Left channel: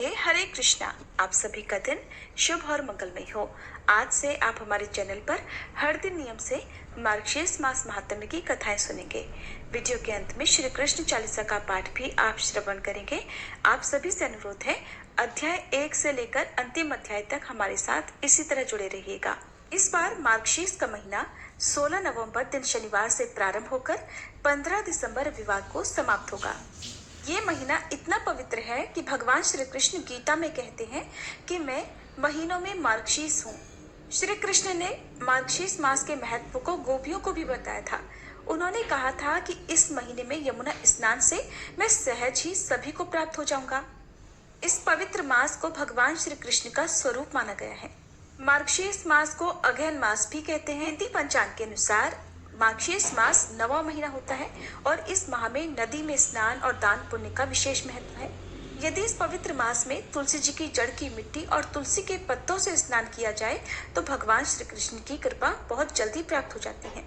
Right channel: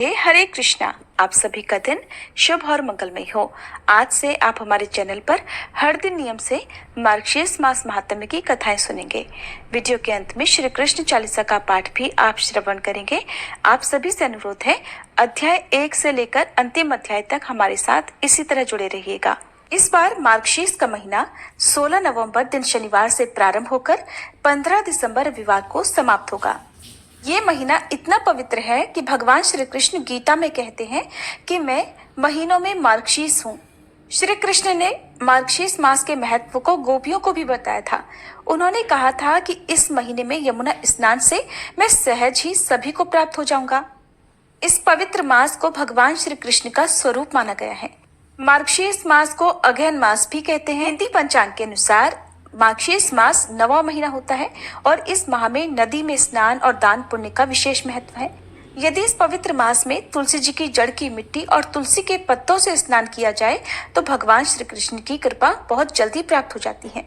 हरे कृष्णा। आप सभी का दिन शुभ और मंगलमय हो। आज से आप हमारे चैनल पर हर दिन नियम से मार्गशीर्ष मास महात्म्य की कथाएं सुनेंगे। वीडियो के अंत में श्री कृष्ण चालीसा का पाठ भी आप श्रवण करेंगे। आप सभी से अनुरोध है, अध्याय 1 से लेकर अंतिम अध्याय तक हमारे साथ इसी तरह जुड़े रहिएगा। इस बार मार्गशीर्ष का महीना 16 नवंबर दिन शनिवार से प्रारंभ होकर 15 दिसंबर रविवार को समाप्त होगा। ये महीना इतना पवित्र है कि भगवान श्री कृष्ण गीता में कहते हैं कि मैं महीनों में मार्गशीर्ष हूँ। श्री कृष्ण ने मार्गशीर्ष मास के महत्व को गोपियों को भी बताया था। उन्होंने कहा था कि इस महीने में यमुना स्नान से मैं सहज ही सभी को प्राप्त हो जाऊंगा। इस पवित्र मास को भगवान श्री कृष्ण का स्वरूप माना गया है। मार्गशीर्ष मास को अगहन मास भी कहते हैं। हिंदी पंचांग के अनुसार मार्गशीर्ष मास 9वां महीना होता है और इस माह में नदी में स्नान और दान पुण्य का विशेष महत्व है। यदि इस पवित्र मास में तुलसी जी की जड़ की मिट्टी और तुलसी के पत्तों से स्नान किया जाए तो भगवान श्री कृष्ण की कृपा बहुत जल्दी प्राप्त हो जाती है।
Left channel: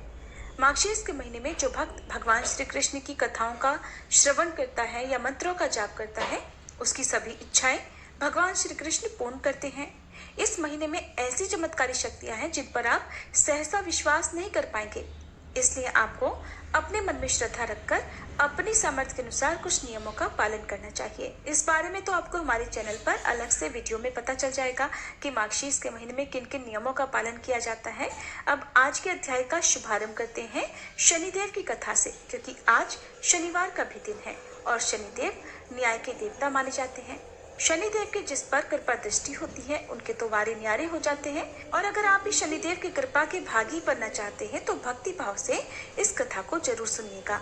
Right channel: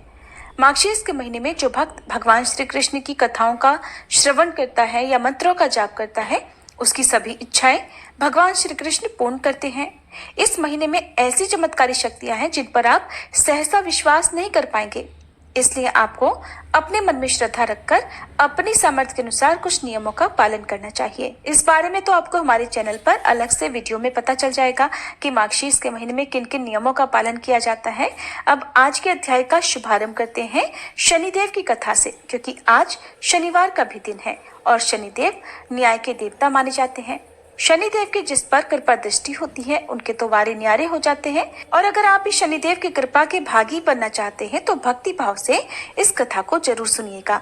मार्गशीर्ष के महीने में जो भक्त भगवान श्री कृष्ण की कथाओं का श्रवण करता है या मंत्रों का जाप करता है, उसकी सभी इच्छाएं भगवान श्री कृष्ण पूर्ण करते हैं। इस महीने में ऐसी चमत्कारी शक्तियां हैं जिन पर आप सहसा विश्वास नहीं कर पाएंगे। इसलिए आपको अपने मन में श्रद्धा रखकर अपनी सामर्थ्य के अनुसार कुछ नियमों का पालन करना चाहिए। इस बारे में तो आपको हमारे चैनल पर अलग से वीडियो में पता चल जाएगा कि मार्गशीर्ष के महीने में किन किन नियमों का पालन किया जाता है। अब आज के अध्याय का शुभारंभ करते हैं शनिदेव की कथा से, क्योंकि आज शनिवार का भी दिन है और शनिदेव न्याय के देवता माने जाते हैं। शनिदेव की जिस पर कृपा दृष्टि होती है उनके तो वारे न्यारे हो जाते हैं। और अगर आप भी शनिदेव की कृपा के भागी बनना चाहते हैं तो भक्ति भाव से इस कथा को जरूर सुनिएगा।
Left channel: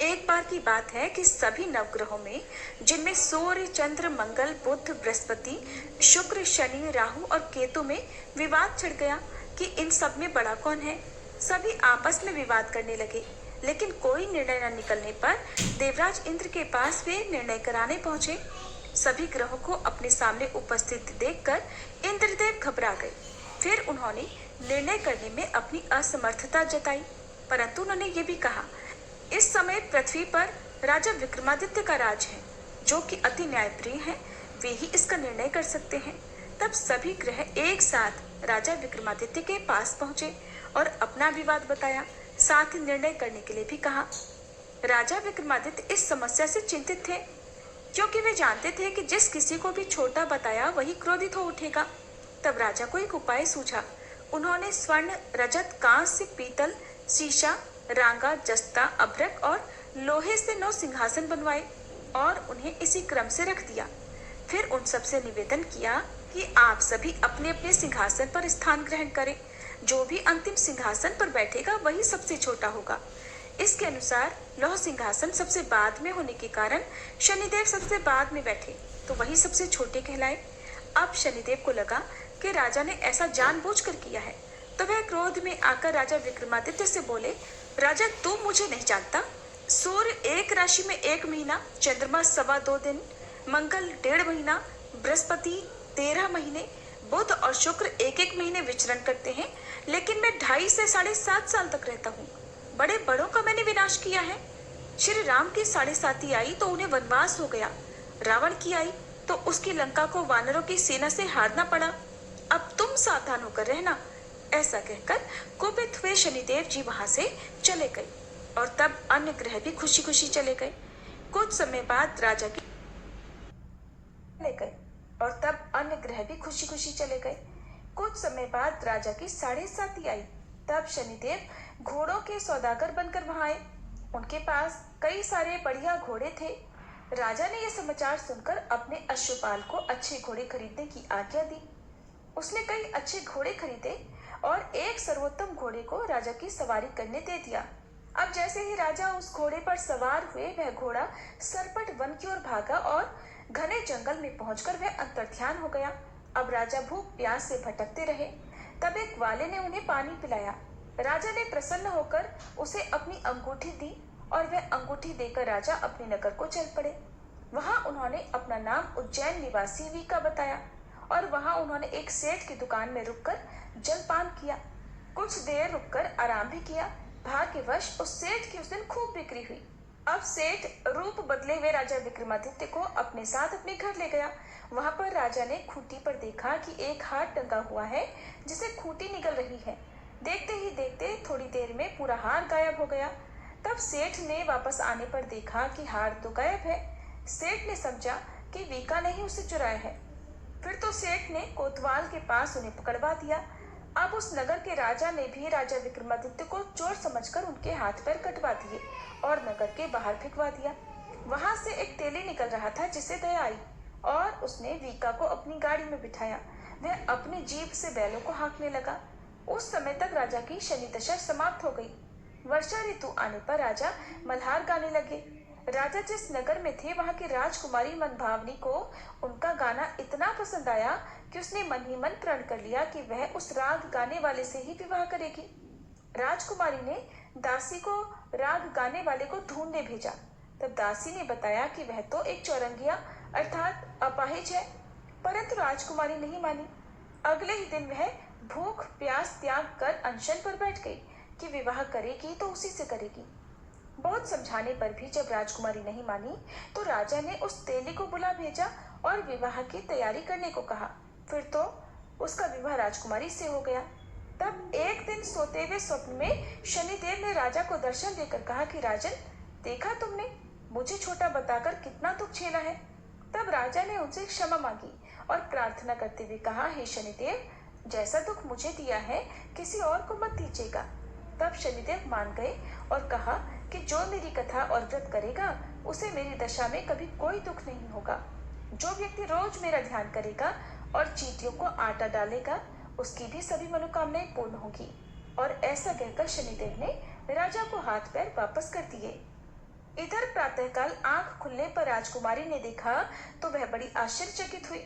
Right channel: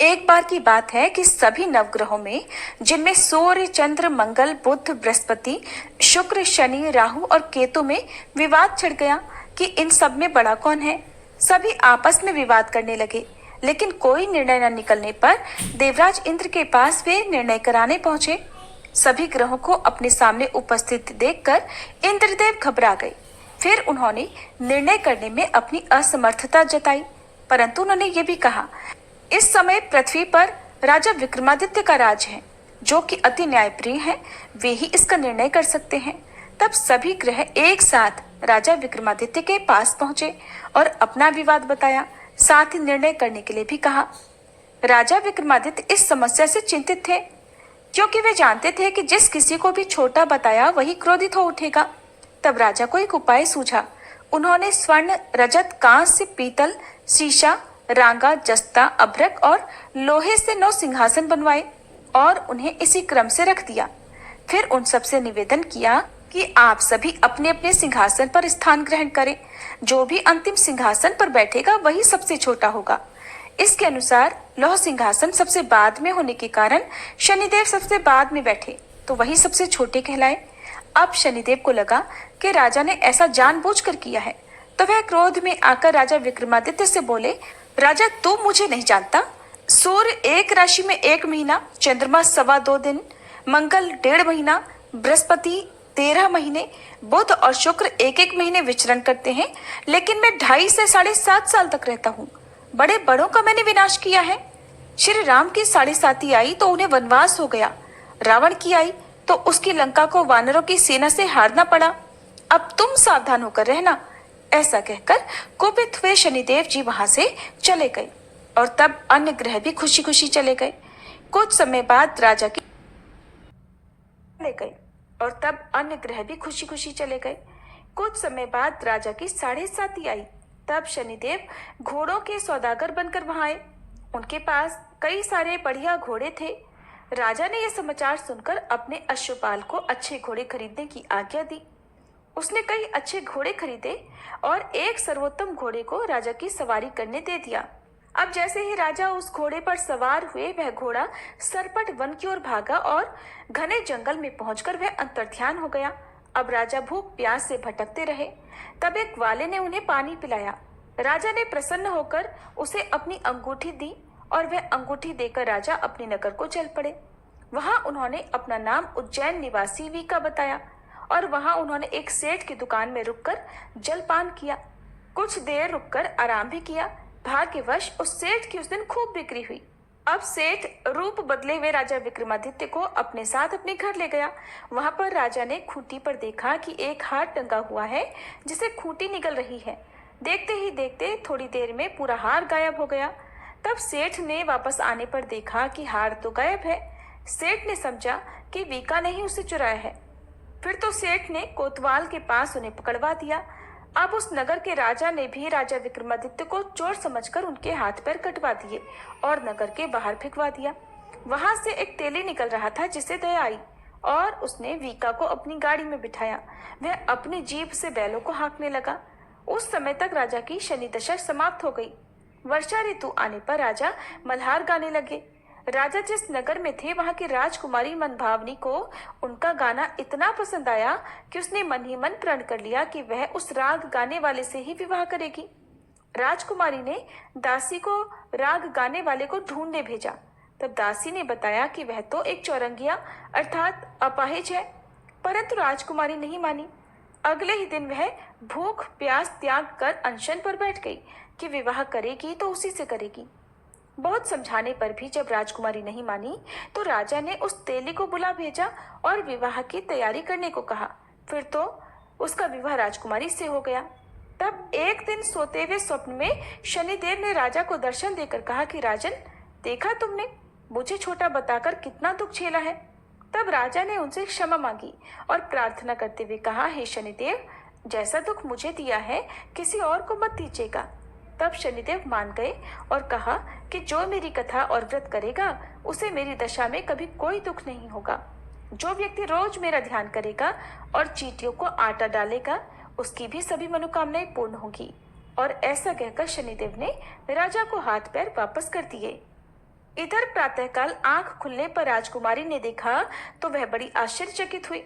एक बार की बात है कि सभी नवग्रहों में, जिनमें सूर्य, चंद्र, मंगल, बुध, बृहस्पति, शुक्र, शनि, राहु और केतु में विवाद छिड़ गया कि इन सब में बड़ा कौन है। सभी आपस में विवाद करने लगे, लेकिन कोई निर्णय न निकलने पर देवराज इंद्र के पास वे निर्णय कराने पहुंचे। सभी ग्रहों को अपने सामने उपस्थित देखकर इंद्रदेव घबरा गए। फिर उन्होंने निर्णय करने में अपनी असमर्थता जताई, परंतु उन्होंने ये भी कहा, इस समय पृथ्वी पर राजा विक्रमादित्य का राज है, जो कि अति न्यायप्रिय है। वे ही इसका निर्णय कर सकते हैं। तब सभी ग्रह एक साथ राजा विक्रमादित्य के पास पहुंचे और अपना विवाद बताया, साथ ही निर्णय करने के लिए भी कहा। राजा विक्रमादित्य इस समस्या से चिंतित थे, क्योंकि वे जानते थे कि जिस किसी को भी छोटा बताया वही क्रोधित हो उठेगा। तब राजा को एक उपाय सूझा। उन्होंने स्वर्ण, रजत, कांस्य, पीतल, शीशा, रांगा, जस्ता, अभ्रक और लोहे से 9 सिंहासन बनवाए और उन्हें इसी क्रम से रख दिया। फिर उन सबसे निवेदन किया कि आप सभी अपने अपने सिंहासन पर स्थान ग्रहण करें। जो भी अंतिम सिंहासन पर बैठेगा वही सबसे छोटा होगा। इसके अनुसार लौह सिंहासन सबसे बाद में होने के कारण शनिदेव सबसे बाद में बैठे तो वही सबसे छोटे कहलाए। अब शनिदेव को लगा कि राजा ने ऐसा जानबूझकर किया है, तो वह क्रोध में आकर राजा विक्रमादित्य से बोले, राजा तू मुझे नहीं जानता। सूर्य एक राशि में 1 महीना, चंद्रमा 2.25 दिन, मंगल 1.5 महीना, बृहस्पति 13 महीने, बुध और शुक्र 1-1 महीने विचरण करते हैं, लेकिन मैं 2.5 से 7.5 साल तक रहता हूँ। बड़े बड़ों का मैंने विनाश किया है। श्री राम की 7.5 आई तो उन्हें वनवास हो गया। रावण की आई तो उसकी लंका को वानरों की सेना से हारना पड़ा। अब तुम सावधान होकर रहना। ऐसा कहकर कुपित हुए शनिदेव जी वहां से चले गए और तब अन्य ग्रह भी खुशी खुशी चले गए। कुछ समय बाद राजा की कुछ समय बाद राजा की 7.5 आई। तब शनिदेव घोड़ों के सौदागर बनकर वहां आए। उनके पास कई सारे बढ़िया घोड़े थे। राजा ने यह समाचार सुनकर अपने अश्वपाल को अच्छे घोड़े खरीदने की आज्ञा दी। उसने कई अच्छे घोड़े खरीदे और एक सर्वोत्तम घोड़े को राजा की सवारी करने दे दिया। अब जैसे ही राजा उस घोड़े पर सवार हुए, वह घोड़ा सरपट वन की ओर भागा और घने जंगल में पहुंचकर वह अंतर्ध्यान हो गया। अब राजा भूख प्यास से भटकते रहे। तब एक ग्वाले ने उन्हें पानी पिलाया। राजा ने प्रसन्न होकर उसे अपनी अंगूठी दी और वह अंगूठी देकर राजा अपने नगर को चल पड़े। वहां उन्होंने अपना नाम उज्जैन निवासी वी का बताया और वहां उन्होंने एक सेठ की दुकान में रुककर जलपान किया। कुछ देर रुककर आराम भी किया। भाग्यवश उस सेठ की उस दिन खूब बिक्री हुई। अब सेठ रूप बदले हुए राजा विक्रमादित्य को अपने साथ अपने घर ले गया। वहां पर राजा ने खूंटी पर देखा कि एक हार टंगा हुआ है जिसे खूंटी निकल रही है। देखते ही देखते थोड़ी देर में पूरा हार गायब हो गया। तब सेठ ने वापस आने पर देखा कि हार तो गायब है। सेठ ने समझा कि वीका ने ही उसे चुराया है। फिर तो सेठ ने कोतवाल के पास उन्हें पकड़वा दिया। अब उस नगर के राजा ने भी राजा विक्रमादित्य को चोर समझकर उनके हाथ पैर कटवा दिए और नगर के बाहर फेंकवा दिया। वहां से एक तेली निकल रहा था जिसे दया आई और उसने वीका को अपनी गाड़ी में बिठाया। वह अपनी जीभ से बैलों को हाँकने लगा। उस समय तक राजा की शनि दशा समाप्त हो गई। वर्षा ऋतु आने पर राजा मल्हार गाने लगे। राजा जिस नगर में थे वहां की राजकुमारी मनभावनी को उनका गाना इतना पसंद आया कि उसने मन ही मन प्रण कर लिया कि वह उस राग गाने वाले से ही विवाह करेगी। राजकुमारी ने दासी को राग गाने वाले को ढूंढने भेजा। तब दासी ने बताया कि वह तो एक चौरंगिया अर्थात अपाहिज है, परंतु राजकुमारी नहीं मानी। अगले ही दिन वह भूख प्यास त्याग कर अनशन पर बैठ गई कि विवाह करेगी तो उसी से करेगी। बहुत समझाने पर भी जब राजकुमारी नहीं मानी तो राजा ने उस तेली को बुला भेजा और विवाह की तैयारी करने को कहा। फिर तो उसका विवाह राजकुमारी से हो गया। तब एक दिन सोते हुए स्वप्न में शनिदेव ने राजा को दर्शन देकर कहा कि राजन, देखा तुमने मुझे छोटा बताकर कितना दुख झेला है। तब राजा ने उनसे क्षमा मांगी और प्रार्थना करते हुए कहा, हे शनिदेव, जैसा दुख मुझे दिया है किसी और को मत दीजिएगा। तब शनिदेव मान गए और कहा कि जो मेरी कथा और व्रत करेगा उसे मेरी दशा में कभी कोई दुख नहीं होगा। जो व्यक्ति रोज मेरा ध्यान करेगा और चींटियों को आटा डालेगा उसकी भी सभी मनोकामनाएं पूर्ण होगी। और ऐसा कहकर शनिदेव ने राजा को हाथ पैर वापस कर दिए। इधर प्रातःकाल आंख खुलने पर राजकुमारी ने देखा तो वह बड़ी आश्चर्यचकित हुई।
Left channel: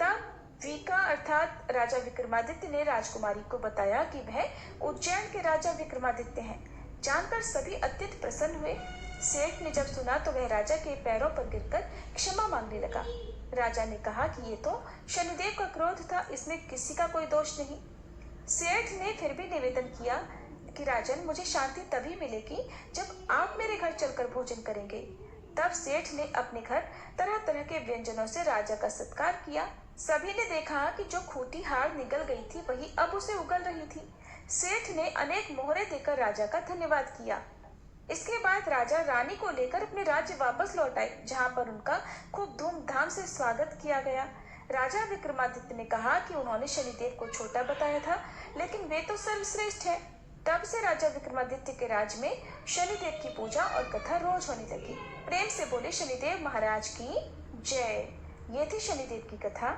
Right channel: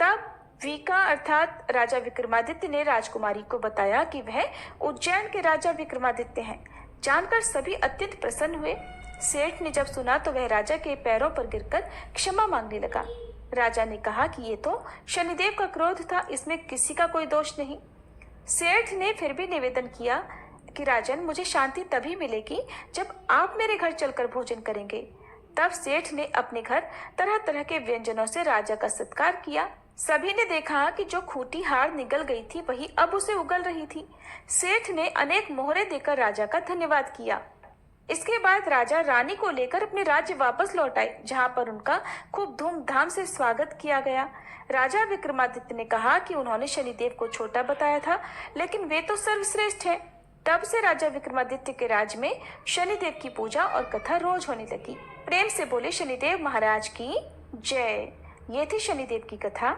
तब वीका अर्थात राजा विक्रमादित्य ने राजकुमारी को बताया कि वह उज्जैन के राजा विक्रमादित्य हैं। जानकर सभी अत्यंत प्रसन्न हुए। सेठ ने जब सुना तो वह राजा के पैरों पर गिरकर क्षमा मांगने लगा। राजा ने कहा कि ये तो शनिदेव का क्रोध था, इसमें किसी का कोई दोष नहीं। सेठ ने फिर भी निवेदन किया कि राजन, मुझे शांति तभी मिलेगी जब आप मेरे घर चलकर भोजन करेंगे। तब सेठ ने अपने घर तरह तरह के व्यंजनों से राजा का सत्कार किया। सभी ने देखा कि जो खूंटी हार निगल गई थी वही अब उसे उगल रही थी। सेठ ने अनेक मोहरे देकर राजा का धन्यवाद किया। इसके बाद राजा रानी को लेकर अपने राज्य वापस लौट आए, जहां पर उनका खूब धूमधाम से स्वागत किया गया। राजा विक्रमादित्य ने कहा कि उन्होंने शनिदेव को छोटा बताया था, लेकिन वे तो सर्वश्रेष्ठ है। तब से राजा विक्रमादित्य के राज में शनिदेव की पूजा और कथा रोज होने लगी। प्रेम से बोले शनिदेव महाराज की जय। ये थी शनिदेव की कथा।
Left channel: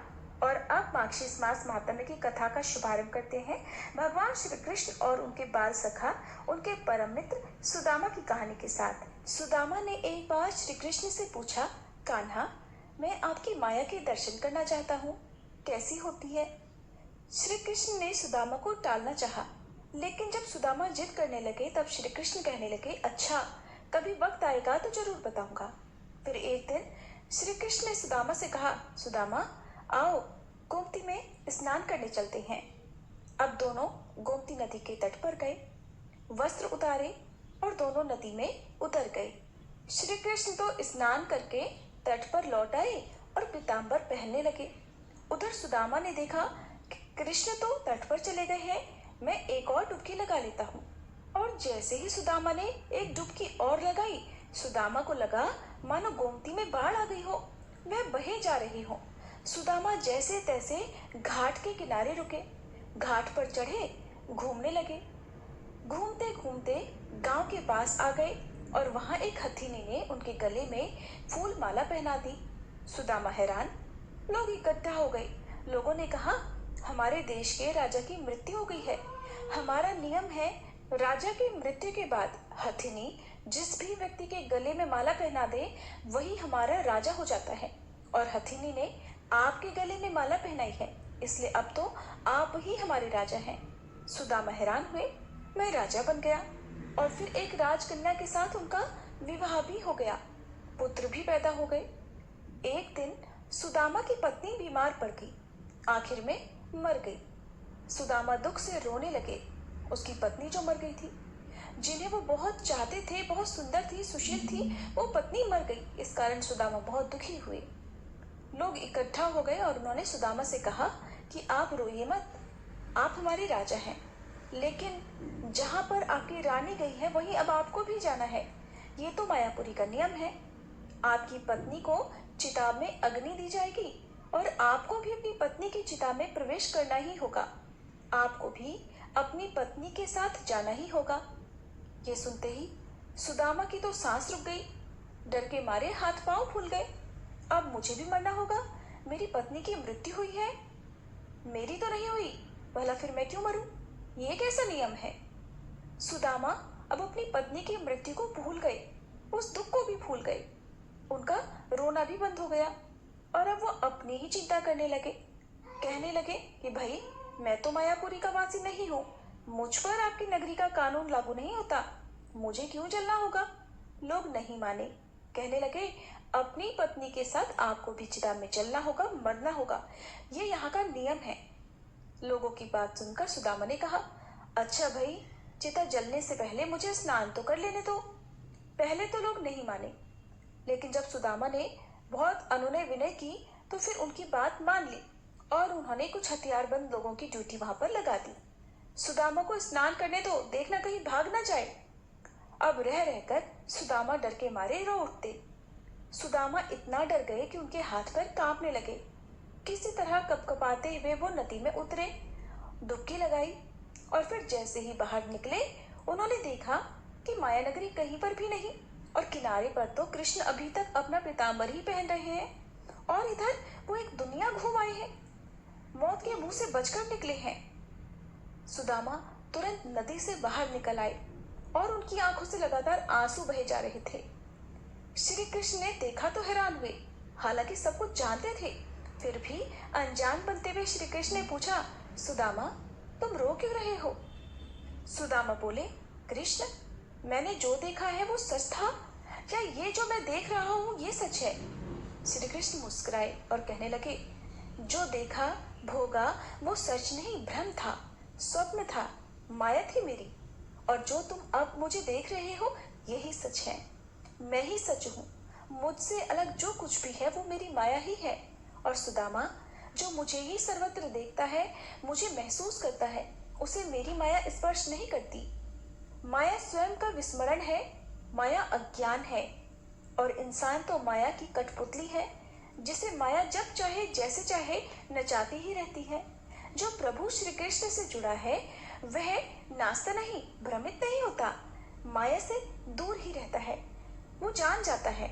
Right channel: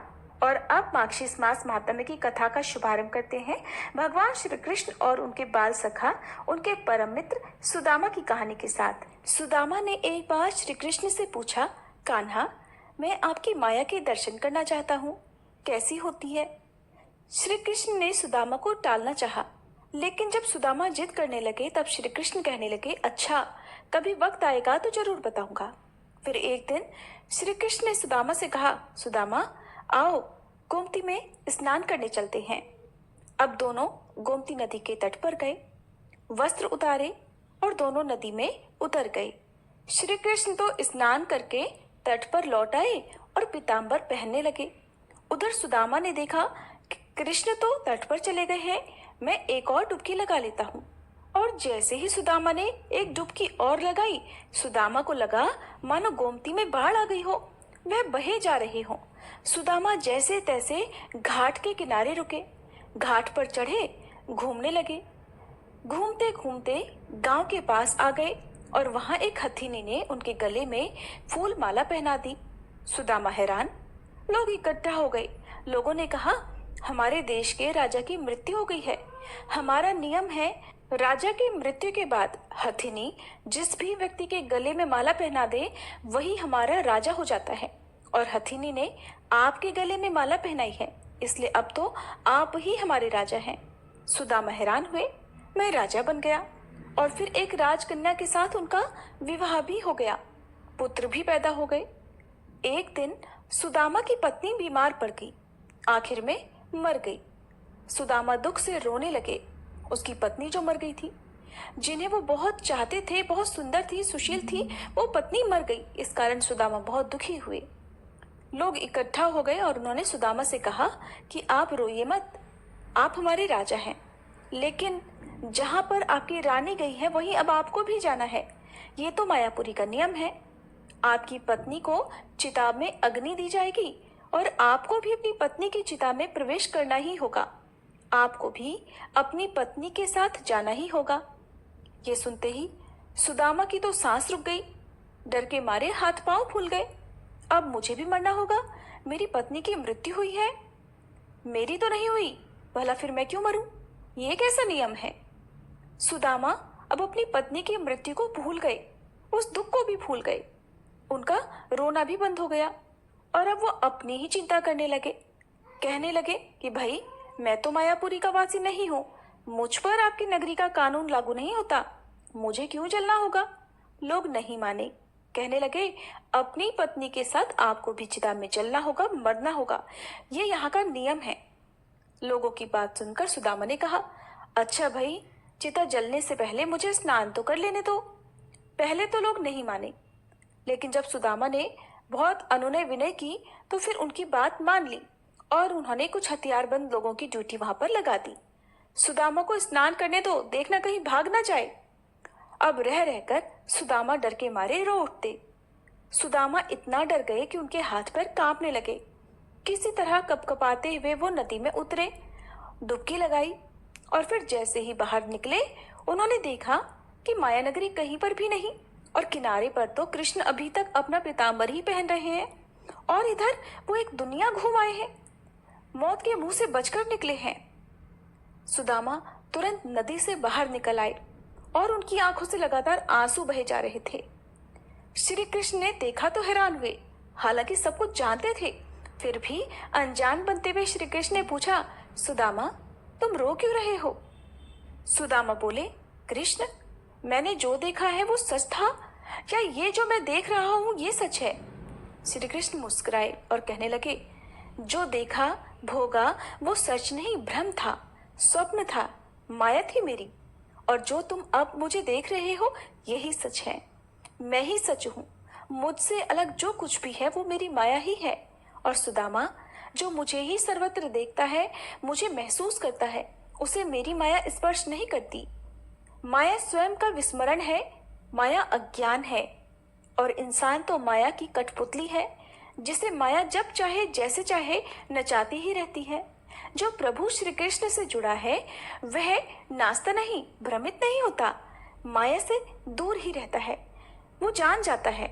और अब मार्गशीर्ष मास महात्म्य की कथा का शुभारंभ करते हैं भगवान श्री कृष्ण और उनके बाल सखा, उनके परम मित्र सुदामा की कहानी के साथ। सुदामा ने एक बार श्री कृष्ण से पूछा, कान्हा, मैं आपकी माया के दर्शन करना चाहता हूँ, कैसी होती है? श्री कृष्ण ने सुदामा को टालना चाहा, लेकिन जब सुदामा जिद करने लगे तब श्री कृष्ण कहने लगे, अच्छा, कभी वक्त आएगा तो जरूर बताऊंगा। फिर एक दिन श्री कृष्ण ने सुदामा से कहा, सुदामा, आओ गोमती में स्नान करने चलते हैं। अब दोनों गोमती नदी के तट पर गए, वस्त्र उतारे और दोनों नदी में उतर गए। श्री कृष्ण तो स्नान करके तट पर लौट आए और पीताम्बर पहनने लगे। उधर सुदामा ने देखा कि कृष्ण तो तट पर चले गए हैं, मैं एक और डुबकी लगा लेता हूँ। और जैसे ही सुदामा ने एक डुबकी और लगाई, सुदामा को लगा मानो गोमती में बाढ़ आ गई हो, वह बहे जा रहे हो। सुदामा जैसे तैसे घाट के किनारे रुके, घाट पर चढ़े, घूमने लगे। घूमते घूमते गांव के पास आ गए और वहां एक हथिनी ने उनके गले में फूल माला पहना दी। सुदामा हैरान, लोग इकट्ठा हो गए। लोगों ने कहा, हमारे देश के राजा की मृत्यु हो गई है। हमारा नियम है, राजा की मृत्यु के बाद हथिनी जिस भी व्यक्ति के गले में माला पहना दे वही हमारा राजा हो जाता है। और हथिनी ने आपके गले में माला पहनाई है, इसलिए अब तो आप ही हमारे राजा हैं। सुदामा हैरान हुए, मैं राजा बन गया। और फिर एक राजकन्या के साथ उनका विवाह भी हो गया, पुत्र भी पैदा हो गए। एक दिन सुदामा की पत्नी बीमार पड़ गई, आखिर में मर गई। सुदामा दुख से रोने लगे, उसकी पत्नी जो मर गई थी। जिन्हें वो बहुत चाहते थे, बहुत सुंदर थी, सुशील थी, वो पत्नी मर गई। इस कारण सुदामा बहुत दुखी हुए। लोग इकट्ठा हो गए और उन्होंने सुदामा से कहा कि आप रोइए मत, आप हमारे राजा हैं, लेकिन जहां पर आपकी रानी गई है वहीं अब आपको भी जाना है। ये तो मायापुरी का नियम है। आपकी पत्नी को चिता में अग्नि दी जाएगी और आपको भी अपनी पत्नी की चिता में प्रवेश करना ही होगा। आपको भी अपनी पत्नी के साथ जाना ही होगा। ये सुनते ही सुदामा की तो सांस रुक गई, डर के मारे हाथ पांव फूल गए। अब मुझे भी मरना होगा, मेरी पत्नी की मृत्यु हुई है। मेरी तो नहीं हुई, भला फिर मैं क्यों मरूं? ये कैसा नियम है? सुदामा अब अपनी पत्नी की मृत्यु को भूल गए, उस दुख को भी भूल गए। उनका रोना भी बंद हो गया और अब वो अपनी ही चिंता करने लगे। कहने लगे कि भाई, मैं तो मायापुरी का वासी नहीं हूँ, मुझ पर आपकी नगरी का कानून लागू नहीं होता, मुझे क्यों जलना होगा? लोग नहीं माने, कहने लगे अपनी पत्नी के साथ आपको भी चिता में जलना होगा, मरना होगा, ये यहाँ का नियम है। लोगों की बात सुनकर सुदामा ने कहा, अच्छा भाई, चिता जलने से पहले मुझे स्नान तो कर लेने दो। पहले तो लोग नहीं माने, लेकिन जब सुदामा ने बहुत अनुनय विनय की तो फिर उनकी बात मान ली और उन्होंने कुछ हथियारबंद लोगों की ड्यूटी वहां पर लगा दी। सुदामा को स्नान करने दो, देखना कहीं भाग ना जाए। अब रह रहकर सुदामा डर के मारे रो उठते। सुदामा इतना डर गए कि उनके हाथ पैर कांपने लगे। किसी तरह कपकपाते हुए वो नदी में उतरे, डुबकी लगाई और फिर जैसे ही बाहर निकले उन्होंने देखा कि माया नगरी कहीं पर भी नहीं और किनारे पर तो कृष्ण अभी तक अपना पीताम्बर ही पहन रहे हैं और इधर वो एक दुनिया घूम आए हैं, मौत के मुंह से बचकर निकले हैं। सुदामा तुरंत नदी से बाहर निकल आए और उनकी आंखों से लगातार आंसू बहे जा रहे थे। श्री कृष्ण ने देखा तो हैरान हुए, हालांकि सब कुछ जानते थे, फिर भी अनजान बनते हुए श्री कृष्ण ने पूछा, सुदामा तुम रो क्यों रहे हो? सुदामा बोले, कृष्ण, मैंने जो देखा है वो सच था या ये जो मैं देख रहा हूँ ये सच है? श्री कृष्ण मुस्कुराए और कहने लगे, जो देखा भोगा वो सच नहीं, भ्रम था, स्वप्न था, माया थी मेरी, और जो तुम अब मुझे देख रहे हो यही सच है। मैं ही सच हूँ, मुझसे अलग जो कुछ भी है वो मेरी माया ही है। और सुदामा, जो मुझे ही सर्वत्र देखता है, मुझे महसूस करता है, उसे मेरी माया स्पर्श नहीं करती। माया स्वयं का विस्मरण है, माया अज्ञान है और इंसान तो माया की कठपुतली है, जिसे माया जब चाहे जैसे चाहे नचाती ही रहती है। जो प्रभु श्री कृष्ण से जुड़ा है वह नाचता नहीं, भ्रमित नहीं होता, माया से दूर ही रहता है। वो जान जाता है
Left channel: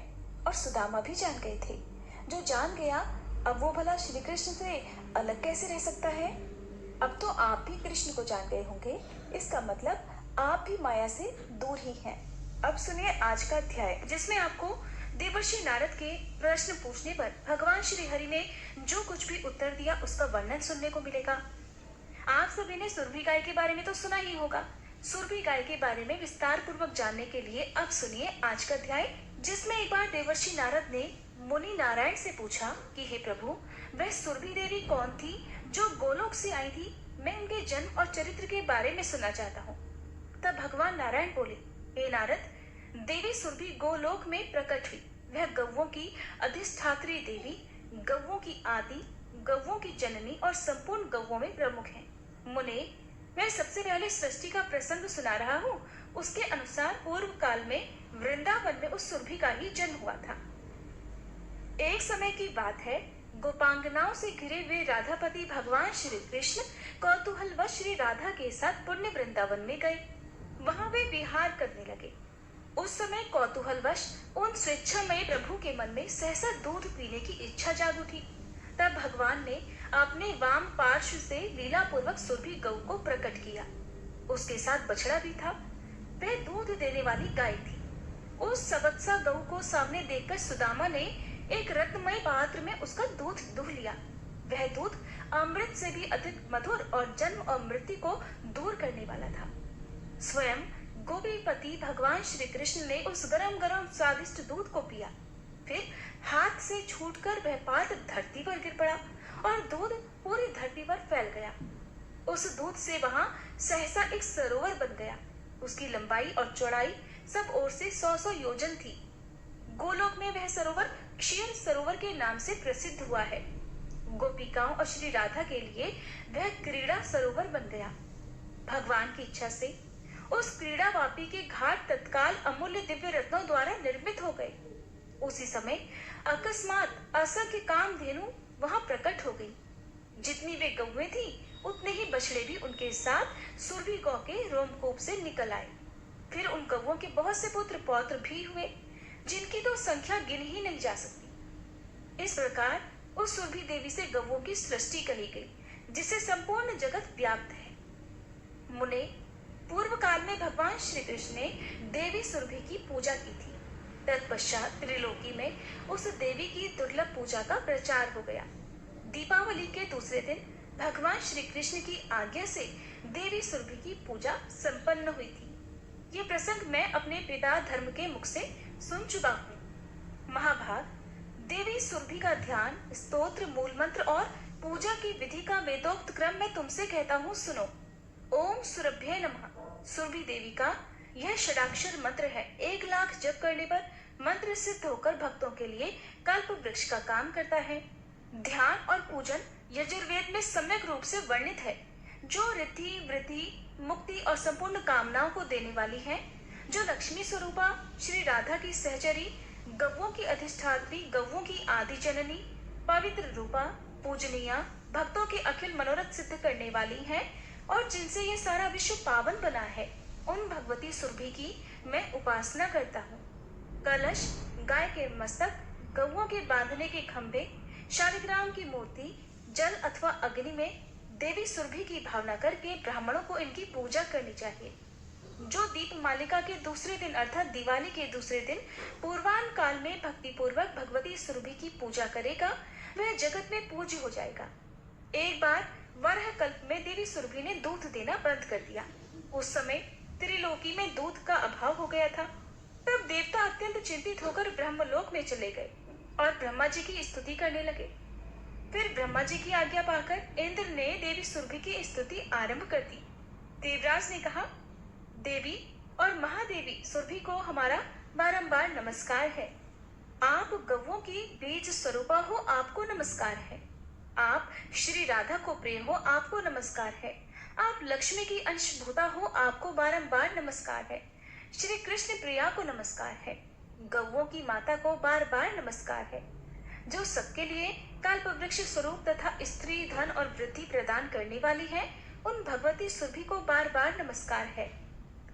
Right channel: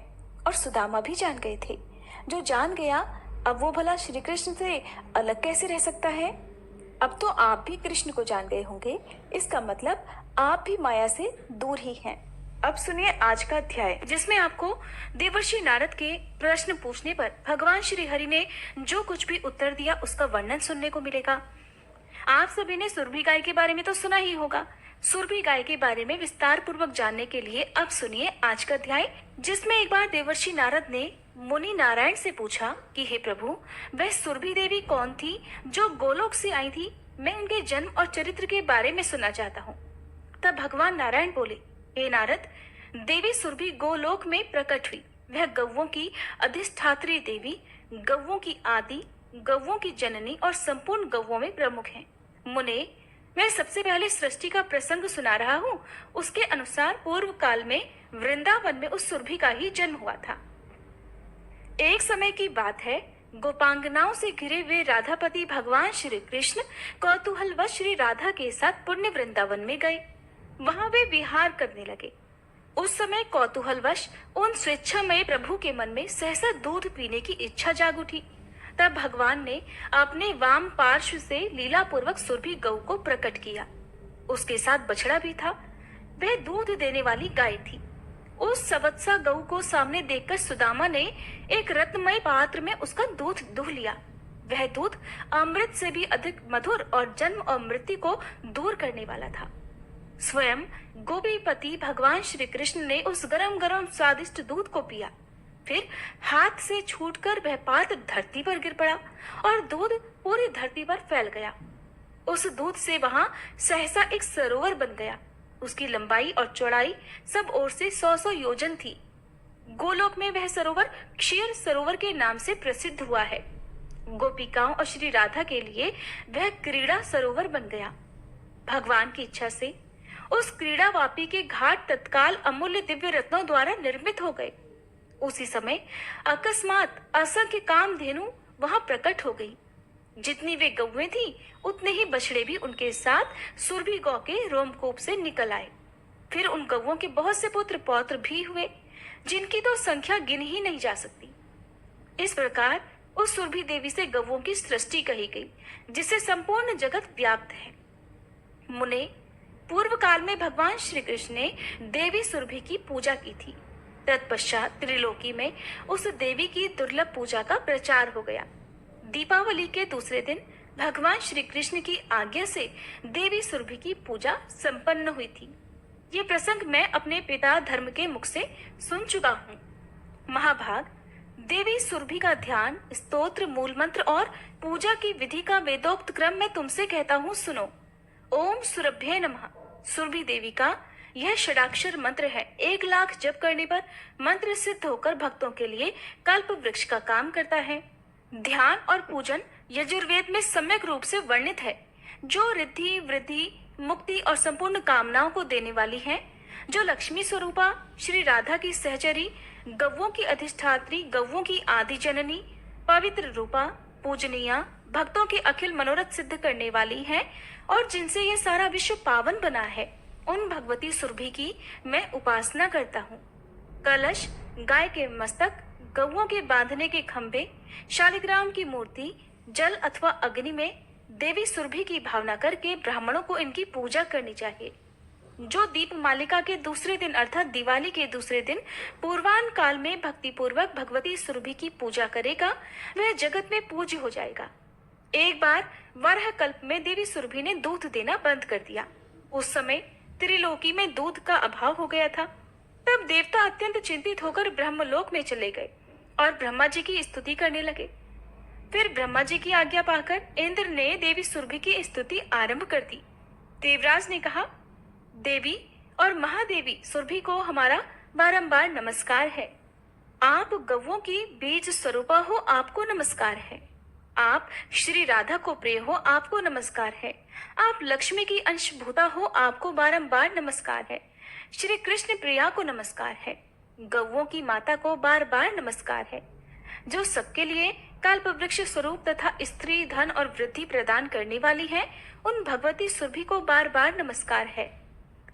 और सुदामा भी जान गए थे। जो जान गया अब वो भला श्री कृष्ण से अलग कैसे रह सकता है? अब तो आप भी कृष्ण को जान गए होंगे, इसका मतलब आप भी माया से दूर ही हैं। अब सुनिए आज का अध्याय, जिसमें आपको देवर्षि नारद के प्रश्न पूछने पर भगवान श्री हरि ने जो कुछ भी उत्तर दिया उसका वर्णन सुनने को मिलेगा। आप सभी ने सुरभि गाय के बारे में तो सुना ही होगा। सुरभि गाय के बारे में विस्तार पूर्वक जानने के लिए अब सुनिए आज का अध्याय, जिसमें एक बार देवर्षि नारद ने मुनि नारायण से पूछा कि हे प्रभु, वह सुरभि देवी कौन थी जो गोलोक से आई थी? मैं उनके जन्म और चरित्र के बारे में सुनना चाहता हूँ। तब भगवान नारायण बोले, हे नारद, देवी सुरभि गोलोक में प्रकट हुई। वह गौवों की अधिष्ठात्री देवी, गौवों की आदि, गौवों की जननी और संपूर्ण गौवों में प्रमुख है। मुने, मैं सबसे पहले सृष्टि का प्रसंग सुना रहा हूँ। उसके अनुसार पूर्व काल में वृंदावन में उस सुरभि का ही जन्म हुआ था। एक समय की बात है, गोपांगनाओं से घिरे हुए राधापति भगवान श्री कृष्ण कौतूहलवश श्री राधा के साथ पुण्य वृंदावन में गए। वहां वे विहार करने लगे। उस समय कौतूहलवश उन स्वेच्छामय प्रभु के मन में सहसा दूध पीने की इच्छा जाग उठी। तब भगवान ने अपने वाम पार्श्व से लीला पूर्वक सुरभि गौ को प्रकट किया। उसके साथ बछड़ा भी था। वह दूध देने वाली गाय थी। उस सवत्सा गौ को सामने देखकर सुदामा ने एक रत्नमय पात्र में उसका दूध दूह लिया। वह दूध अमृत से भी अधिक मधुर और जन्म और मृत्यु को दूर करने वाला था। स्वयं गोपीपति भगवान श्री कृष्ण ने उस गरम गरम स्वादिष्ट दूध को पिया। फिर हाथ से छूटकर वह पात्र धरती पर गिर पड़ा और दूध पूरी धरती पर फैल गया। उस दूध से वहां सहसा एक सरोवर बन गया। उसकी लंबाई और चौड़ाई सब ओर से 100-100 योजन थी। गोलोक में वह सरोवर क्षीर सरोवर के नाम से प्रसिद्ध हुआ है। गोपिकाओं और श्री राधा के लिए वह क्रीड़ा सरोवर बन गया। भगवान की इच्छा से उस क्रीड़ा वापी के घाट तत्काल अमूल्य दिव्य रत्नों द्वारा निर्मित हो गए। उसी समय अकस्मात असंख्य कामधेनु वहां प्रकट हो गई। जितनी वे गौएं थी उतने ही बछड़े भी उनके साथ सुरभि गौ के रोमकूप से निकल आए। फिर उन गौओं के बहुत से पुत्र पौत्र भी हुए, जिनकी तो संख्या गिन ही नहीं जा सकती। इस प्रकार उस सुरभि देवी से गौओं की सृष्टि कही गई, जिससे संपूर्ण जगत व्याप्त है। मुने, पूर्व काल में भगवान श्री कृष्ण ने देवी सुरभि की पूजा की थी। तत्पश्चात त्रिलोकी में उस देवी की दुर्लभ पूजा का प्रचार हो गया। दीपावली के दूसरे दिन भगवान श्री कृष्ण की आज्ञा से देवी सुरभि की पूजा संपन्न हुई थी। ये प्रसंग मैं अपने पिता धर्म के मुख से सुन चुका हूँ। महाभाग, देवी सुरभि का ध्यान, स्तोत्र, मूल मंत्र और पूजा की विधि का वेदोक्त क्रम मैं तुमसे कहता हूँ, सुनो। ओम सुरभ्ये नमः सुरभि देवी का यह षडाक्षर मंत्र है। 1 लाख जप करने पर मंत्र सिद्ध होकर भक्तों के लिए कल्प वृक्ष का काम करता है। ध्यान और पूजन यजुर्वेद में सम्यक रूप से वर्णित है, जो रिद्धि, वृद्धि, मुक्ति और संपूर्ण कामनाओं को देने वाली है। जो लक्ष्मी स्वरूपा श्री राधा की सहचरी, गौओं की अधिष्ठात्री, गौओं की आदि जननी, पवित्र रूपा, पूजनीया, भक्तों के अखिल मनोरथ सिद्ध करने वाली है और जिनसे ये सारा विश्व पावन बना है, उन भगवती सुरभि की मैं उपासना करता हूँ। कलश, गाय के मस्तक, गौओं के बांधने के खंभे, शालिग्राम की मूर्ति, जल अथवा अग्नि में देवी सुरभि की भावना करके ब्राह्मणों को इनकी पूजा करनी चाहिए। जो दीप मालिका के दूसरे दिन अर्थात दिवाली के दूसरे दिन पूर्वान काल में भक्ति पूर्वक भगवती सुरभि की पूजा करेगा, वह जगत में पूज्य हो जाएगा। एक बार वराह कल्प में देवी सुरभि ने दूध देना बंद कर दिया। उस समय त्रिलोकी में दूध का अभाव हो गया था। तब देवता अत्यंत चिंतित होकर ब्रह्मलोक में चले गए और ब्रह्मा जी की स्तुति करने लगे। फिर ब्रह्मा जी की आज्ञा पाकर इंद्र ने देवी सुरभि की स्तुति आरंभ कर दी। देवराज ने कहा, देवी और महादेवी सुरभि को हमारा बारंबार नमस्कार है। आप गौओं की बीज स्वरूपा हो, आपको नमस्कार है। आप श्री राधा को प्रिय हो, आपको नमस्कार है। आप लक्ष्मी की अंशभूता हो, आपको बारंबार नमस्कार है। श्री कृष्ण प्रिया को नमस्कार है। गौओं की माता को बार बार नमस्कार है। जो सबके लिए कल्प वृक्ष स्वरूप तथा स्त्री, धन और वृद्धि प्रदान करने वाली है, उन भगवती सुरभि को बार बार नमस्कार है।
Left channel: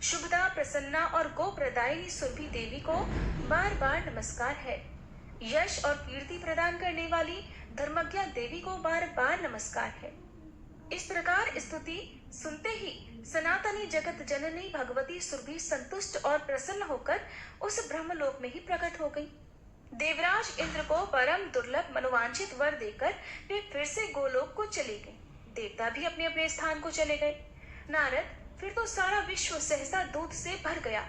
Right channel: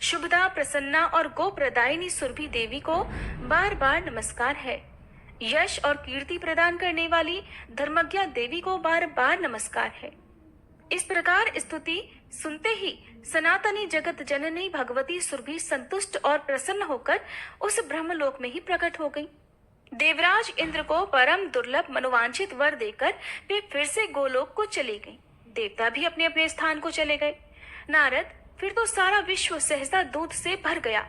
शुभदा, प्रसन्ना और गो प्रदायिनी सुरभि देवी को बार बार नमस्कार है। यश और कीर्ति प्रदान करने वाली धर्मज्ञा देवी को बार बार नमस्कार है। इस प्रकार स्तुति सुनते ही सनातनी जगत जननी भगवती सुरभि संतुष्ट और प्रसन्न होकर उस ब्रह्मलोक में ही प्रकट हो गई। देवराज इंद्र को परम दुर्लभ मनोवांछित वर देकर वे फिर से गोलोक को चली गई। देवता भी अपने अपने स्थान को चले गए। नारद, फिर तो सारा विश्व सहसा दूध से भर गया।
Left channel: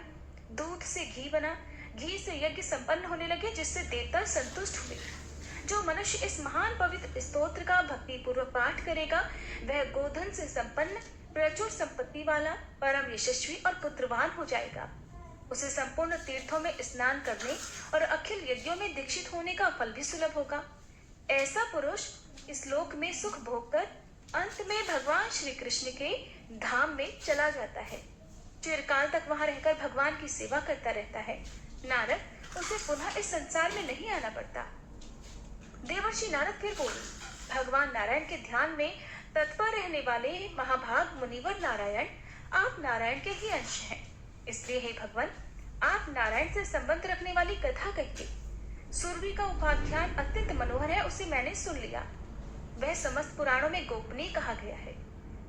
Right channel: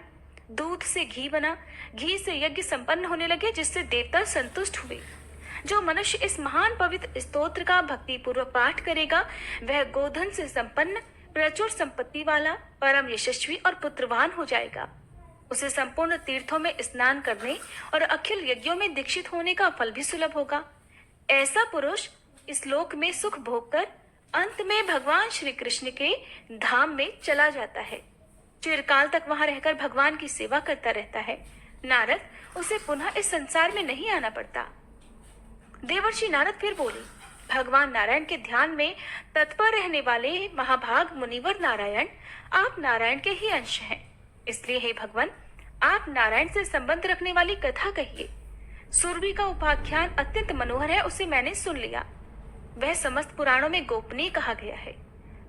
दूध से घी बना, घी से यज्ञ संपन्न होने लगे, जिससे देवता संतुष्ट हुए। जो मनुष्य इस महान पवित्र स्तोत्र का भक्ति पूर्वक पाठ करेगा, वह गोधन से संपन्न, प्रचुर संपत्ति वाला, परम यशस्वी और पुत्रवान हो जाएगा। उसे संपूर्ण तीर्थों में स्नान करने और अखिल यज्ञों में दीक्षित होने का फल भी सुलभ होगा। ऐसा पुरुष इस लोक में सुख भोग कर अंत में भगवान श्री कृष्ण के धाम में चला जाता है। चिरकाल तक वहां रहकर भगवान की सेवा करता रहता है। नारद, उसे पुनः इस संसार में नहीं आना पड़ता। देवर्षि नारद फिर बोले, भगवान नारायण के ध्यान में तत्पर रहने वाले महाभाग मुनिवर नारायण, आप नारायण के ही अंश हैं। इसलिए हे भगवान, आप नारायण से संबंध रखने वाली कथा कहिए। सुरभि का उपाख्यान अत्यंत मनोहर है, उसे मैंने सुन लिया। वह समस्त पुराणों में गोपनीय कहा गया है।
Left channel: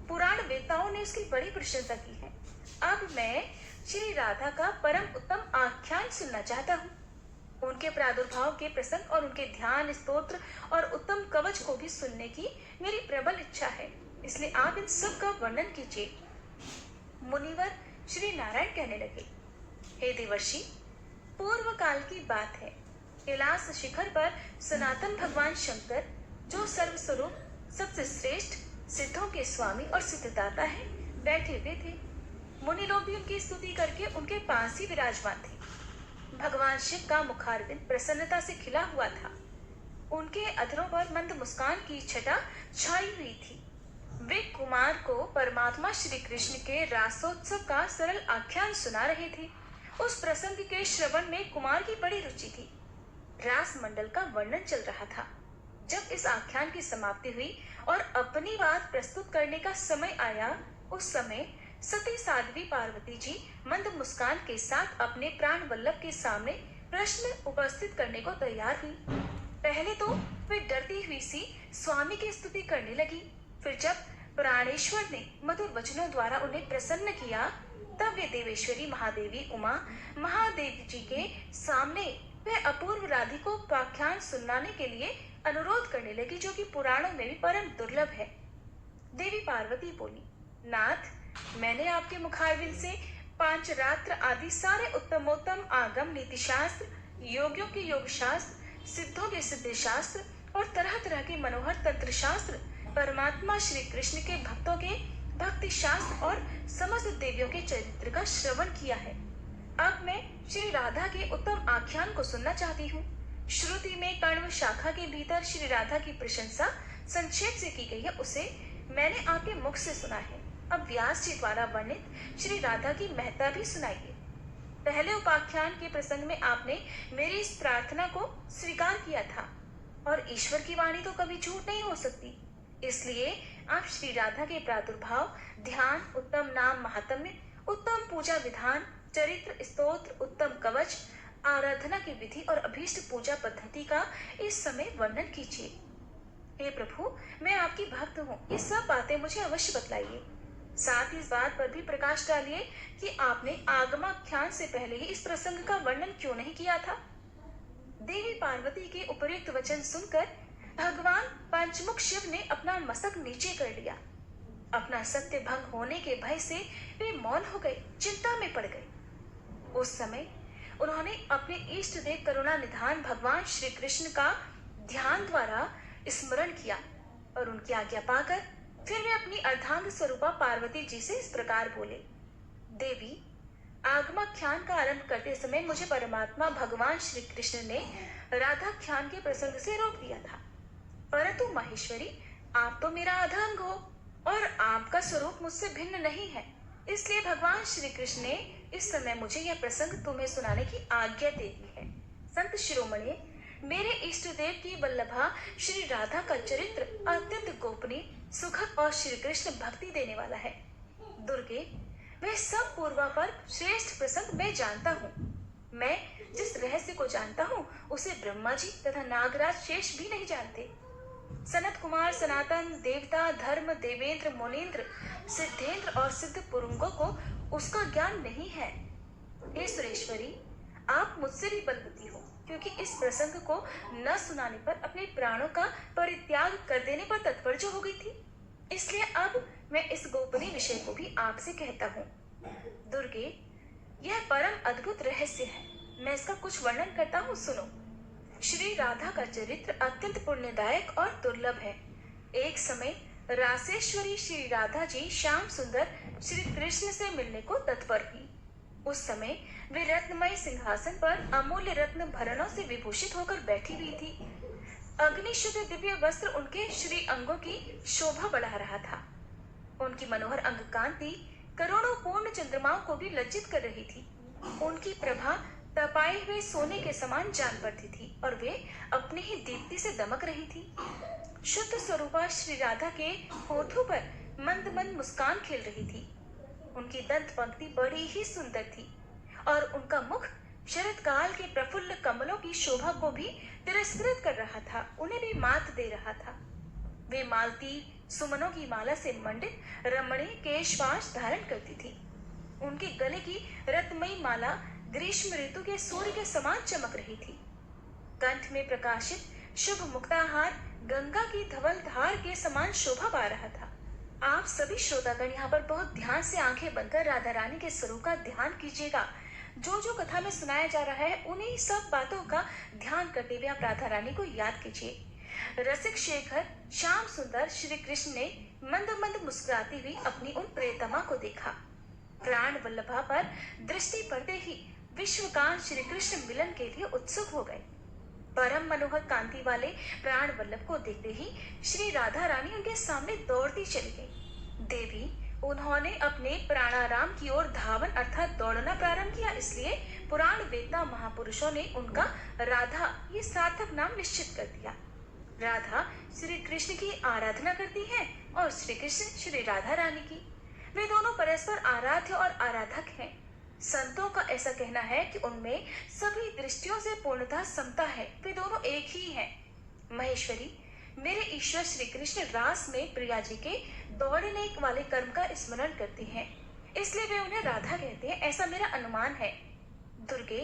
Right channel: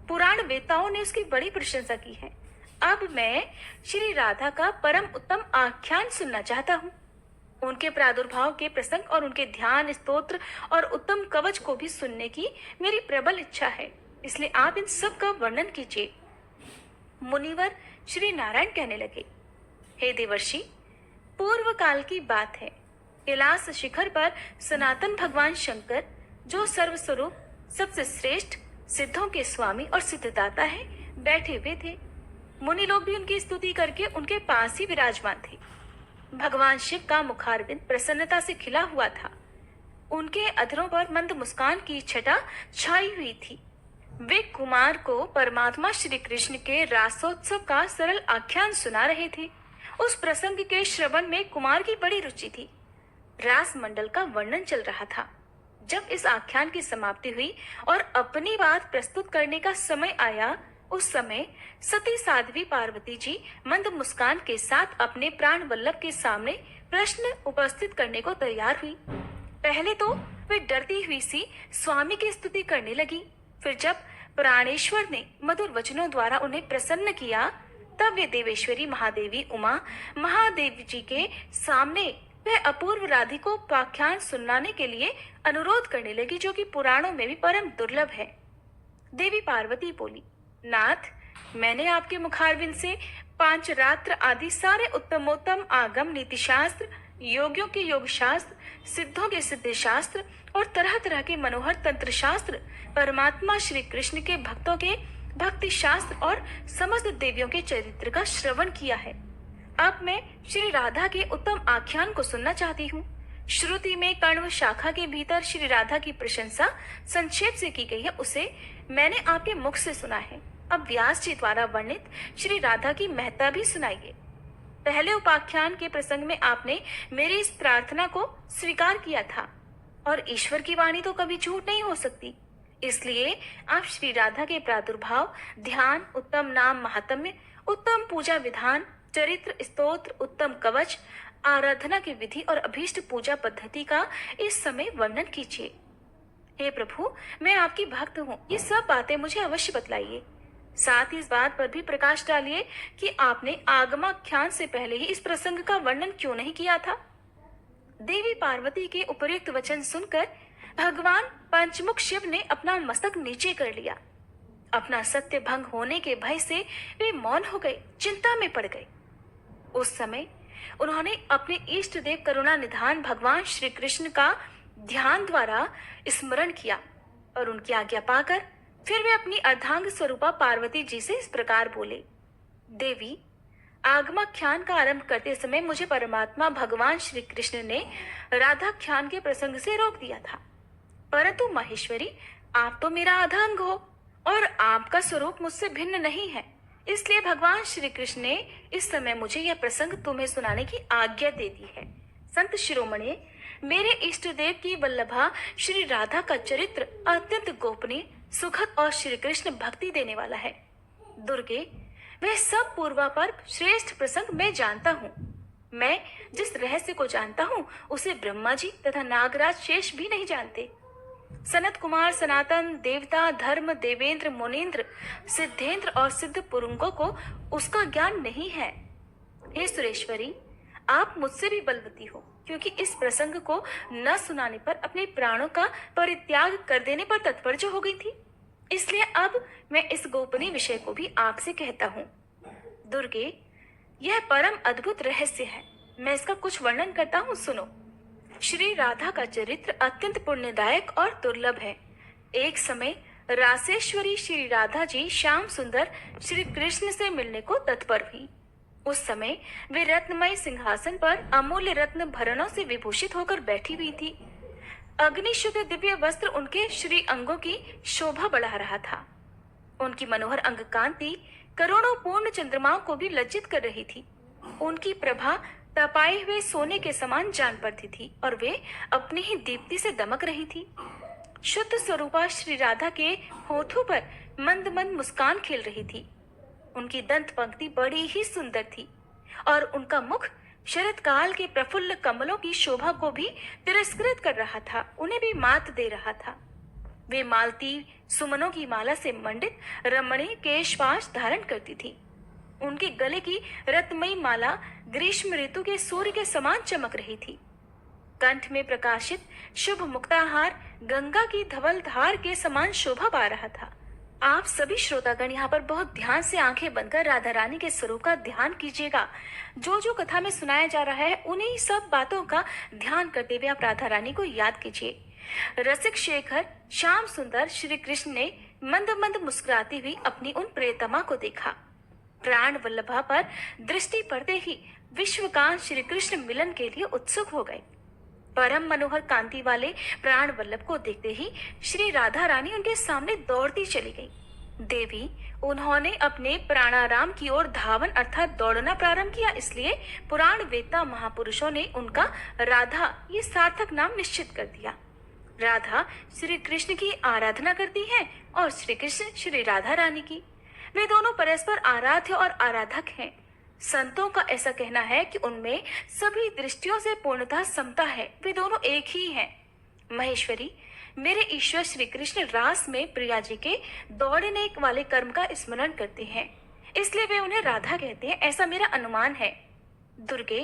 पुराण वेताओं ने उसकी बड़ी प्रशंसा की है। अब मैं श्री राधा का परम उत्तम आख्यान सुनना चाहता हूँ। उनके प्रादुर्भाव के प्रसंग और उनके ध्यान, स्तोत्र और उत्तम कवच को भी सुनने की मेरी प्रबल इच्छा है। इसलिए आप इन सब का वर्णन कीजिए। मुनिवर श्री नारायण कहने लगे, हे देवर्षि, पूर्व काल की बात है। कैलाश शिखर पर सनातन भगवान शंकर, जो सर्वस्वरूप सबसे श्रेष्ठ, सिद्धों के स्वामी और सिद्धदाता है, बैठे हुए थे। मुनि लोग भी उनकी स्तुति करके उनके पास ही विराजमान थे। भगवान शिव का मुखारविंद प्रसन्नता से खिला हुआ था। उनके अधरों पर मंद मुस्कान की छटा छाई हुई थी। वे कुमार को परमात्मा श्री कृष्ण के रासोत्सव का सरल आख्यान सुना रहे थे। उस प्रसंग के श्रवण में कुमार की बड़ी रुचि थी। रास मंडल का वर्णन चल रहा था। जब इस आख्यान की समाप्ति हुई और अपनी बात प्रस्तुत करने का समय आया, उस समय सती साध्वी पार्वती जी मंद मुस्कान के साथ अपने प्राण वल्लभ के सामने प्रश्न उपस्थित करने को तैयार हुई। पहले तो वे डरती हुई सी स्वामी की स्तुति करने लगी। फिर जब प्राणेश्वर ने मधुर वचनों द्वारा उन्हें प्रसन्न किया, तब वे देवेश्वरी महादेवी उमा महादेव जी के सामने वह अपूर्व राधि को उपाख्यान सुनाने के लिए अनुरोध करने लगी, जो कि पुराणों में भी परम दुर्लभ है। देवी पार्वती बोली, नाथ, मैंने आपके मुखारविंद से पांचरात्र आदि सारे उत्तमोत्तम आगम नीति शास्त्र, योगियों के योग शास्त्र, सिद्धों के सिद्ध शास्त्र और तरह तरह के मनोहर तंत्र शास्त्र, परमात्मा श्री कृष्ण के भक्तों के भक्ति शास्त्र और समस्त देवियों के चरित्र का श्रवण किया है। अब मैं श्री राधा के उत्तम आख्यान को सुनना चाहती हूँ। श्रुति में कण्व शाखा के भीतर श्री राधा की प्रशंसा संक्षेप से की गई है, उसे मैंने आपके मुख से सुना है। अब व्यास जी द्वारा वर्णित श्री राधा की महत्ता भी सुनाइए। पहले उपाख्यान के प्रसंग में आपने मेरी इस प्रार्थना को स्वीकार किया था, और ईश्वर की वाणी तो कभी झूठ नहीं हो सकती। इसलिए आप श्री राधा के प्रादुर्भाव, ध्यान, उत्तम नाम महात्म्य, उत्तम पूजा विधान, चरित्र, स्तोत्र, उत्तम कवच, आराधना की विधि और अभीष्ट पूजा पद्धति का इस समय वर्णन कीजिए। हे प्रभु, मैं आपकी भक्त हूँ, ये सब बातें मुझे अवश्य बतलाइए। साथ ही इस बात पर भी प्रकाश डालिए कि आपने आगमाख्यान से पहले ही इस प्रसंग का वर्णन क्यों नहीं किया था। देवी पार्वती के उपयुक्त वचन सुनकर भगवान पंचमुख शिव ने अपना मस्तक नीचे कर लिया। अपना सत्य भंग होने के भय से वे मौन हो गए, चिंता में पड़ गए। उस समय उन्होंने अपने इष्ट देव करुणा निधान भगवान श्री कृष्ण का ध्यान द्वारा स्मरण किया और उनकी आज्ञा पाकर फिर वे अपनी अर्धांग स्वरूपा पार्वती जी से इस प्रकार बोले, देवी, आगमाख्यान का आरंभ करते समय मुझे परमात्मा भगवान श्री कृष्ण ने राधाख्यान के प्रसंग से रोक दिया था, परंतु माहेश्वरी, आप तो मेरा अर्धांग हो और आपका स्वरूप मुझसे भिन्न नहीं है। इसलिए भगवान श्री कृष्ण ने इस समय मुझे यह प्रसंग तुम्हें सुनाने की आज्ञा दे दी है। संत शिरोमणि, मेरे इष्ट देव की वल्लभा श्री राधा का चरित्र अत्यंत गोपनीय, सुखद और श्री कृष्ण भक्ति देने वाला है। दुर्गे, वह सब पूर्वापर श्रेष्ठ प्रसंग मैं जानता हूँ। मैं जिस रहस्य को जानता हूँ उसे ब्रह्मा जी तथा नागराज शेष भी नहीं जानते। सनत कुमार, सनातन, देवता, धर्म, देवेंद्र, मुनीन्द्र, सिद्धेंद्र और सिद्ध पुरुंगों को उसका ज्ञान नहीं है। हे सुरेश्वरी, आप मुझसे भी बलवती हो, क्योंकि इस प्रसंग को न सुनाने पर अपने प्राणों का परित्याग कर देने पर तत्पर जो हो गई थी। इसलिए अब मैं इस गोपनीय विषय को भी आपसे कहता हूँ। दुर्गे, यह परम अद्भुत रहस्य है, मैं इसका कुछ वर्णन करता हूँ, सुनो। श्री राधा का चरित्र अत्यंत पुण्यदायक और दुर्लभ है। एक समय रासेश्वरी श्री राधा जी श्याम सुंदर श्री कृष्ण से मिलने को तत्पर हुई। उस समय वे रत्नमय सिंहासन पर अमूल्य रत्न भरणों से विभूषित होकर बैठी हुई थी। अग्निशुद्ध दिव्य वस्त्र उनके श्री अंगों की शोभा बढ़ा रहा था। उनकी मनोहर अंग कांति करोड़ों पूर्ण चंद्रमाओं को भी लज्जित कर रही थी। उनकी प्रभा तपाए हुए सोने के समान जान पड़ती थी और वे अपनी ही दीप्ति से दमक रही थी। शुद्ध स्वरूपा श्री राधा के होठों पर मंद मंद मुस्कान खेल रही थी। उनकी दंत पंक्ति बड़ी ही सुंदर थी और उनका मुख शरद काल के प्रफुल्ल कमलों की शोभा को भी तिरस्कृत कर रहा था, उन्हें भी मात दे रहा था। वे मालती सुमनों की माला से मंडित रमणीय केशवास धारण करती थी। उनके गले की रत्नमयी माला ग्रीष्म ऋतु के सूर्य के समान चमक रही थी। कंठ में प्रकाशित शुभ मुक्ताहार गंगा की धवल धार के समान शोभा पा रहा था। आप सभी श्रोतागण यहाँ पर बहुत ध्यान से आंखें बनकर राधा रानी के स्वरूप का ध्यान कीजिएगा। जो जो कथा में सुनाया जा रहा है उन्हीं सब बातों का ध्यान करते हुए आप राधा रानी को याद कीजिए। रसिक शेखर श्याम सुंदर श्री कृष्ण ने मंद मंद मुस्कुराती हुई अपनी उन प्रियतमा को देखा। प्राण वल्लभा पर दृष्टि पड़ते ही विश्वकांत श्री कृष्ण मिलन के लिए उत्सुक हो गए। परम मनोहर कांति वाले प्राण वल्लभ को देखते ही श्री राधा रानी उनके सामने दौड़ती चली गई। देवी उन्होंने अपने प्राणाराम की ओर धावन अर्थात दौड़ना प्रारंभ किया, इसलिए पुराण वेदता महापुरुषों ने उनका राधा ये सार्थक नाम निश्चित कर दिया। राधा श्री कृष्ण की आराधना करती हैं और श्री कृष्ण श्री राधा रानी की। वे दोनों परस्पर आराध्य और आराधक हैं। संतों का ऐसा कहना है कि उनमें सभी दृष्टियों से पूर्णतः समता है, वे दोनों एक ही हैं। महेश्वरी, मेरे ईश्वर श्री कृष्ण रास में प्रिया जी के दौड़ने वाले कर्म का स्मरण करते हैं, इसलिए वे उन्हें राधा कहते हैं, ऐसा मेरा अनुमान है। दुर्गे,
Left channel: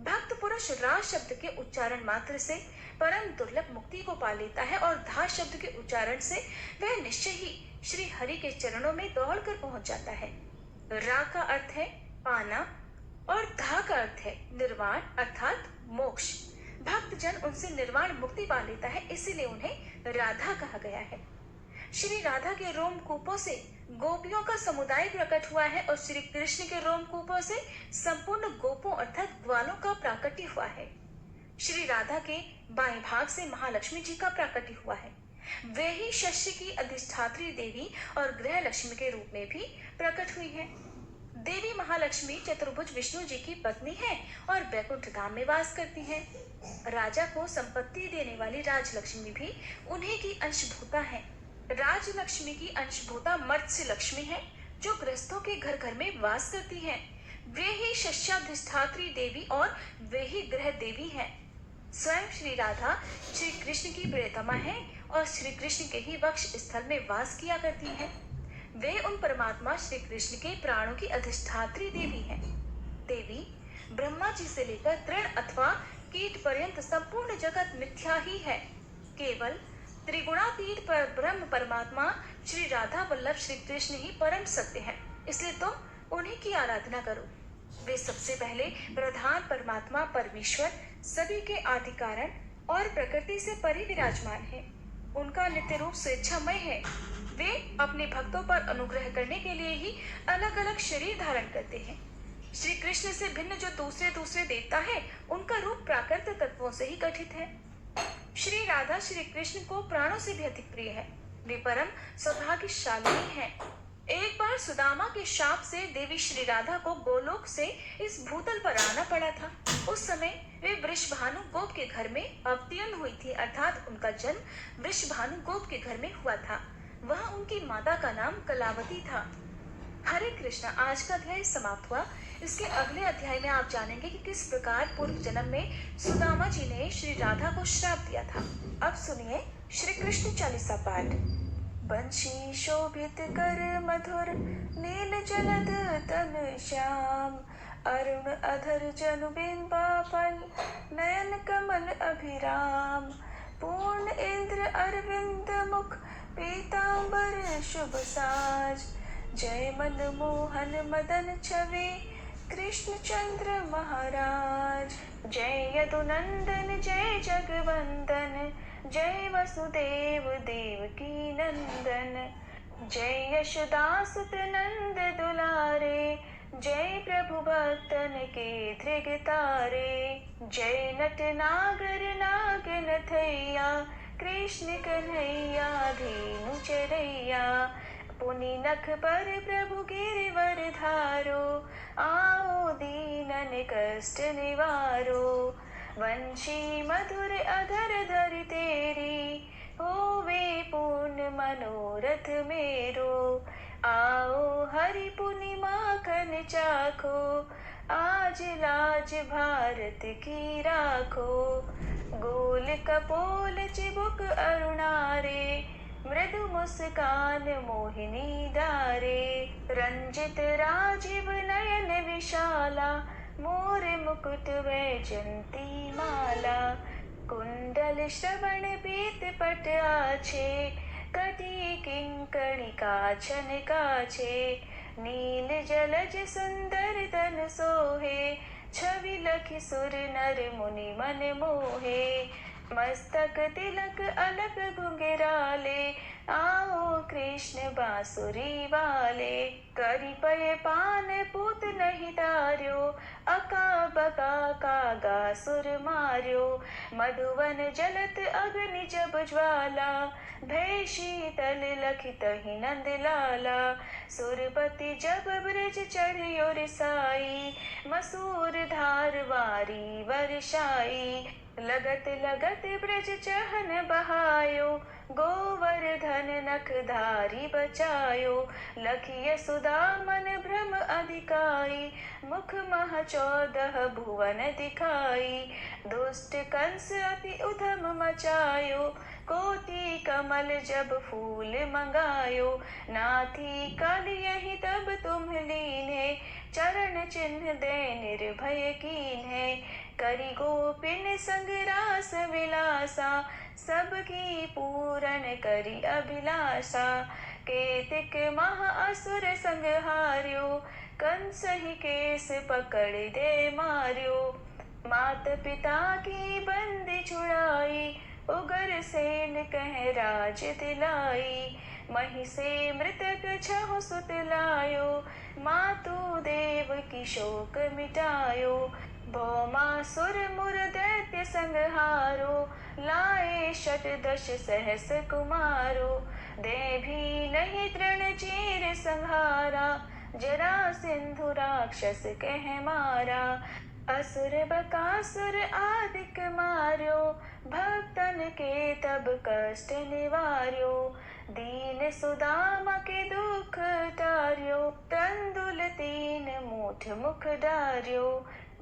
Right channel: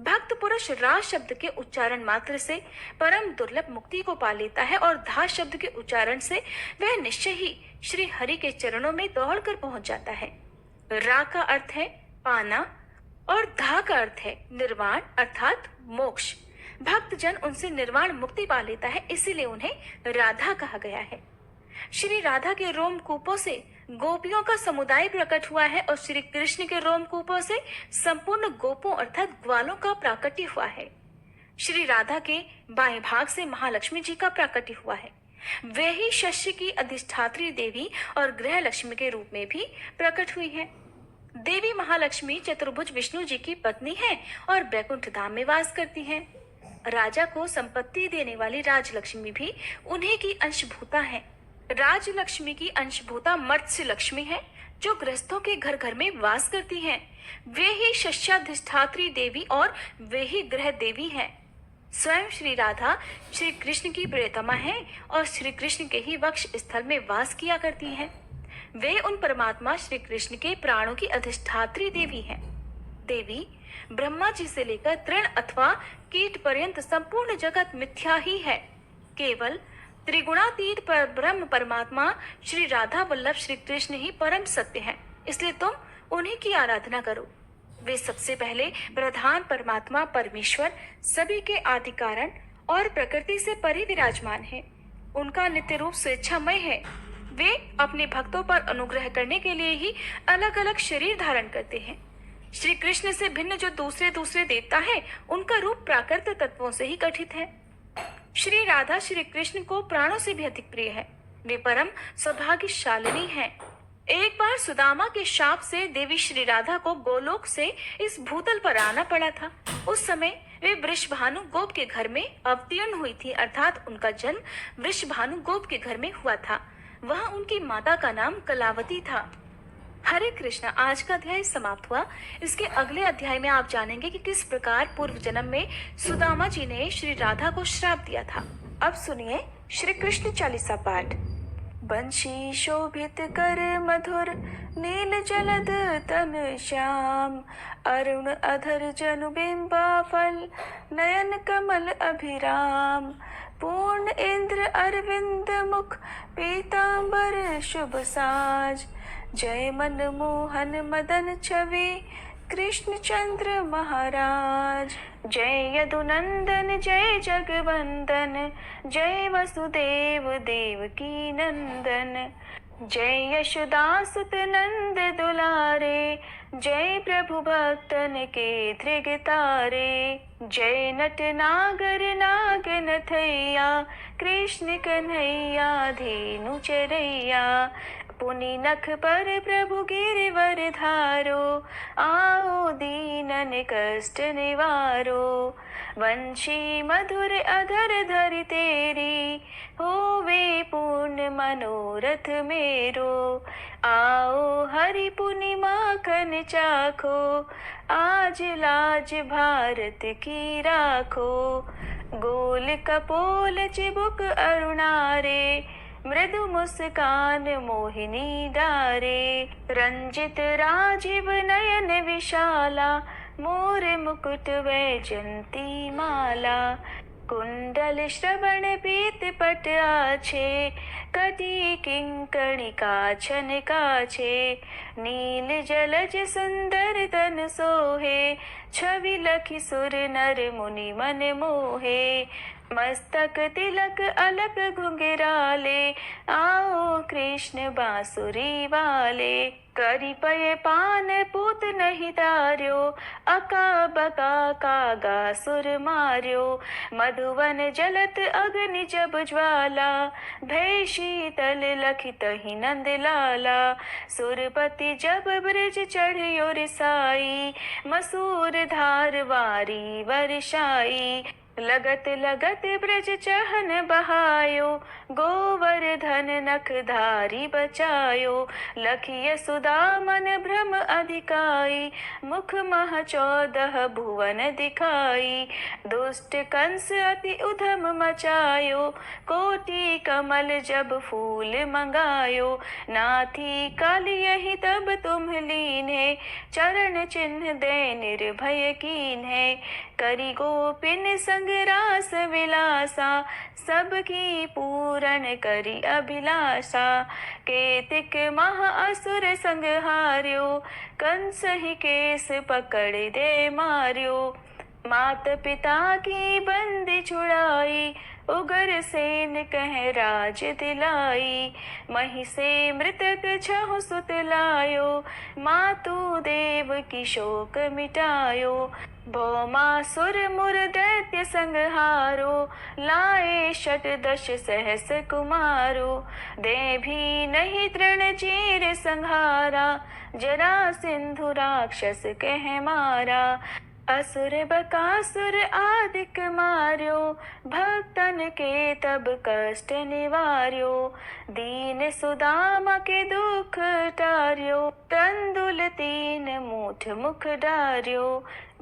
भक्त पुरुष रा शब्द के उच्चारण मात्र से परम दुर्लभ मुक्ति को पा लेता है और धा शब्द के उच्चारण से वह निश्चय ही श्री हरि के चरणों में दौड़कर पहुंच जाता है। रा का अर्थ है पाना और धा का अर्थ है निर्वाण अर्थात मोक्ष। भक्त जन उनसे निर्वाण मुक्ति पा लेता है, इसीलिए उन्हें राधा कहा गया है। श्री राधा के रोमकूपों से गोपियों का समुदाय प्रकट हुआ है और श्री कृष्ण के रोमकूपों से संपूर्ण गोपों अर्थात ग्वालों का प्राकट्य हुआ है। श्री राधा के बाएं भाग से महालक्ष्मी जी का प्राकट्य हुआ है। वे ही शस्य की अधिष्ठात्री देवी और गृह लक्ष्मी के रूप में भी प्रकट हुई है। देवी महालक्ष्मी चतुर्भुज विष्णु जी की पत्नी है और बैकुंठ धाम में वास करती हैं। राजा को संपत्ति देने वाली राजलक्ष्मी भी उन्हीं की अंशभूता है। राजलक्ष्मी की अंशभूता मत्स्य लक्ष्मी है, जो गृहस्थों के घर घर में वास करती हैं। वे ही शस्याधिष्ठात्री देवी और वे ही गृह देवी हैं। स्वयं श्री राधा श्री कृष्ण की प्रियतमा है और श्री कृष्ण के ही वक्ष स्थल में वास किया करती हैं। वे उन परमात्मा श्री कृष्ण के प्राणों की अधिष्ठात्री देवी हैं। देवी ब्रह्मा जी से लेकर तृण अथवा कीट पर्यंत संपूर्ण जगत मिथ्या ही है। केवल त्रिगुणातीत पर ब्रह्म परमात्मा श्री राधा वल्लभ श्री कृष्ण ही परम सत्य है, इसलिए तुम उन्हीं की आराधना करो। वे सबसे पहले प्रधान परमात्मा परमेश्वर सभी के आदि कारण और प्रकृति से परे विराजमान है। उनका नित्य रूप स्वेच्छामय है। वे अपने भक्तों पर अनुग्रह करने के लिए ही अलग अलग शरीर धारण करते हैं। श्री कृष्ण से भिन्न जो दूसरे देवता है, उनका रूप प्राकृत तत्वों से ही गठित है। श्री राधा श्री कृष्ण को प्राणों से भी अधिक प्रिय है। वे परम सौभाग्यशालिनी हैं। एक बार सुदामा के शाप से देवी श्री राधा को गोलोक से इस भूतल पर आना पड़ा था। उस समय वे वृषभानु गोप के घर में अवतीर्ण हुई थी, अर्थात उनका जन्म वृषभानु गोप के घर में हुआ था। वहाँ उनकी माता का नाम कलावती था। हरे कृष्ण। आज का अध्याय समाप्त हुआ। इसके अगले अध्याय में आप जानेंगे कि किस प्रकार पूर्व जन्म में सुदामा जी ने श्री राधा को श्राप दिया था। अब सुनिए श्री कृष्ण चालीसा पाठ। बंशी शोभित कर मधुर नील जलद तन श्याम, अरुण अधर जनु बिंबा फल नयन कमल अभिराम, पूर्ण इंद्र अरविंद मुख पीतांबर शुभ साज, जय मन मोहन मदन छवि कृष्ण चंद्र महाराज, जय यदुनंदन जय जगवंदन, जय वसुदेव देवकी नंदन, जय यशोदासुत नंद दुलारे, जय प्रभु भक्तन के धृग तारे, जय नट नागर नागन थैया, कृष्ण कन्हैया धेनु चरैया, पुनि नख पर प्रभु गिरिवर धारो, आओ दीनन कष्ट निवारो, वंशी मधुर अधर धरि तेरी, होवे पूर्ण मनोरथ मेरो, आओ हरि पुनि माखन चाखो, आज लाज भारत की राखो, गोल कपोल चिबुक अरुणारे, मृदु मुस्कान मोहिनी डारे, रंजित राजीव नयन विशाला, मोर मुकुट वैजंती माला, कुंडल श्रवण पीत पट आछे, कटी किंकणी काछन काछे, नील जलज सुंदर तन सोहे, छवि लखि सुर नर मुनि मन मोहे, मस्तक तिलक अलक घुंघराले, आओ कृष्ण बांसुरी वाले। करी पय पान पूत नहीं तार्यो, अका बका कागा सुर मार्यो। मधुवन जलत अग्नि जब ज्वाला, भय शीतल लखित ही नंद लाला। सुरपति जब ब्रज चढ़ियो रिसाई, मसूर धार वारी वर्षाई। लगत लगत ब्रज चहन बहायो, गोवर्धन नख धारी बचायो। लखिय सुदामन भ्रम अधिकाई, मुख मह 14 भुवन दिखाई। दुष्ट कंस अति उधम मचायो, कोटि कमल जब फूल मंगायो। नाथी काल यही तब तुम लीन्हे, चरण चिन्ह दे निर्भय कीन्हे। करी गोपिन संग रास विलासा, सबकी पूरन करी अभिलाषा। केतिक महा असुर संग हार्यो, कंस ही केस पकड़ दे मार्यो। मात पिता की बंदी छुड़ाई, उगर सेन कह राज दिलाई। मही से मृतक छहु सुत लायो, मातु देव की शोक मिटायो। भौमासुर मुर दैत्य संहारो, लाए शत दश सहस कुमारो। दे भी नहीं तृण चीर संहारा, जरा सिंधु राक्षस कह मारा। असुर बकासुर आदिक मार्यो, भक्तन के तब कष्ट निवार्यो। दीन सुदामा के दुख टार्यो, तंदुल 3 मूठ मुख डार्यो।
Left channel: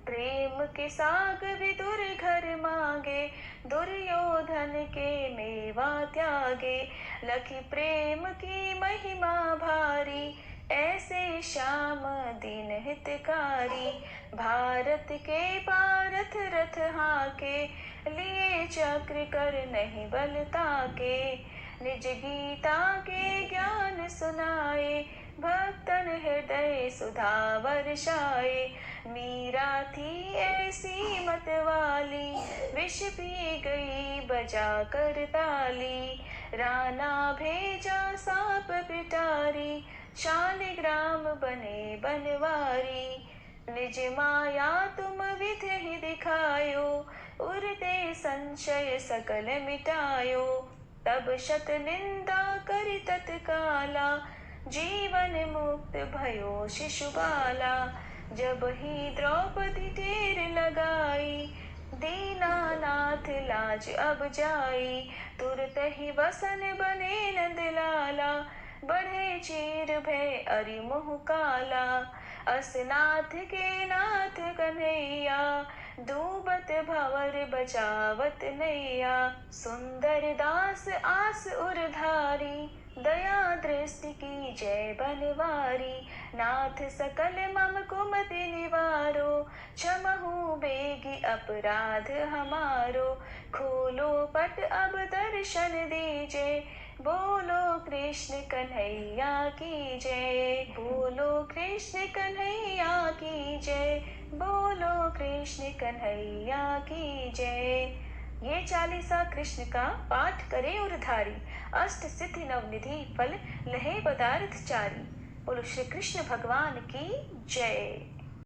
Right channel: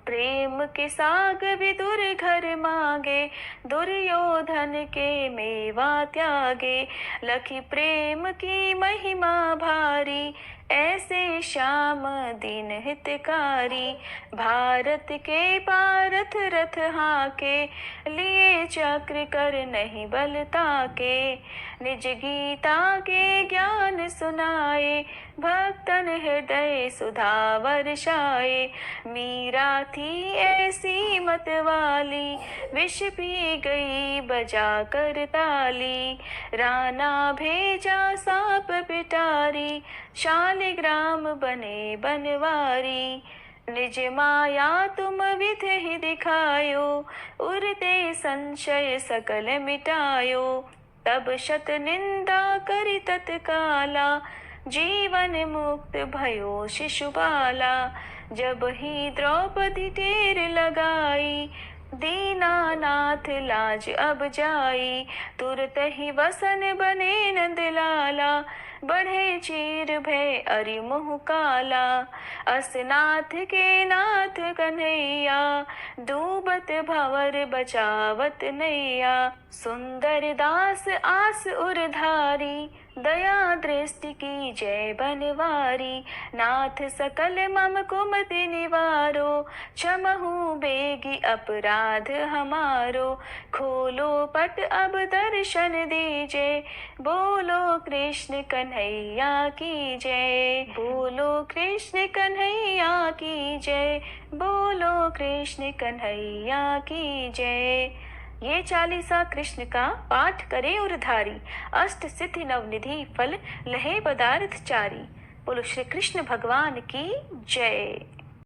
प्रेम के साग विदुर घर मांगे, दुर्योधन के मेवा त्यागे। लखी प्रेम की महिमा भारी, ऐसे श्याम दीन हितकारी। भारत के पारथ रथ हाके, लिए चक्र कर नहीं बल ताके। निज गीता के ज्ञान सुनाए, भक्तन हृदय सुधा वर्षाए। मीरा थी ऐसी मत वाली, विष पी गई बजा कर ताली। राना भेजा सांप पिटारी, शालिग्राम बने बनवारी। निज माया तुम विधि ही दिखायो, उरते संशय सकल मिटायो। तब शत निंदा करि तत्काला, जीवन मुक्त भयो शिशुबाला। जब ही द्रौपदी टेर लगाई, दीनानाथ लाज अब जाई। तुरत ही वसन बने नंद लाला, बढ़े चीर भय अरि मुह काला। असनाथ के नाथ कन्हैया, डूबत भंवर बचावत नैया। सुंदर दास आस उरधारी, दया दृष्टि की जय बनवारी। नाथ सकल मम कुमति निवारो, क्षमहु बेगी अपराध हमारो। खोलो पट अब दर्शन दीजे, बोलो कृष्ण कन्हैया की जय। बोलो कृष्ण कन्हैया की जय, बोलो कृष्ण कन्हैया की जय। ये चालीसा कृष्ण का पाठ करे उरधारी, अष्ट सिद्धि नवनिधि फल लहे पदार्थ चारी। बोलो श्री कृष्ण भगवान की जय।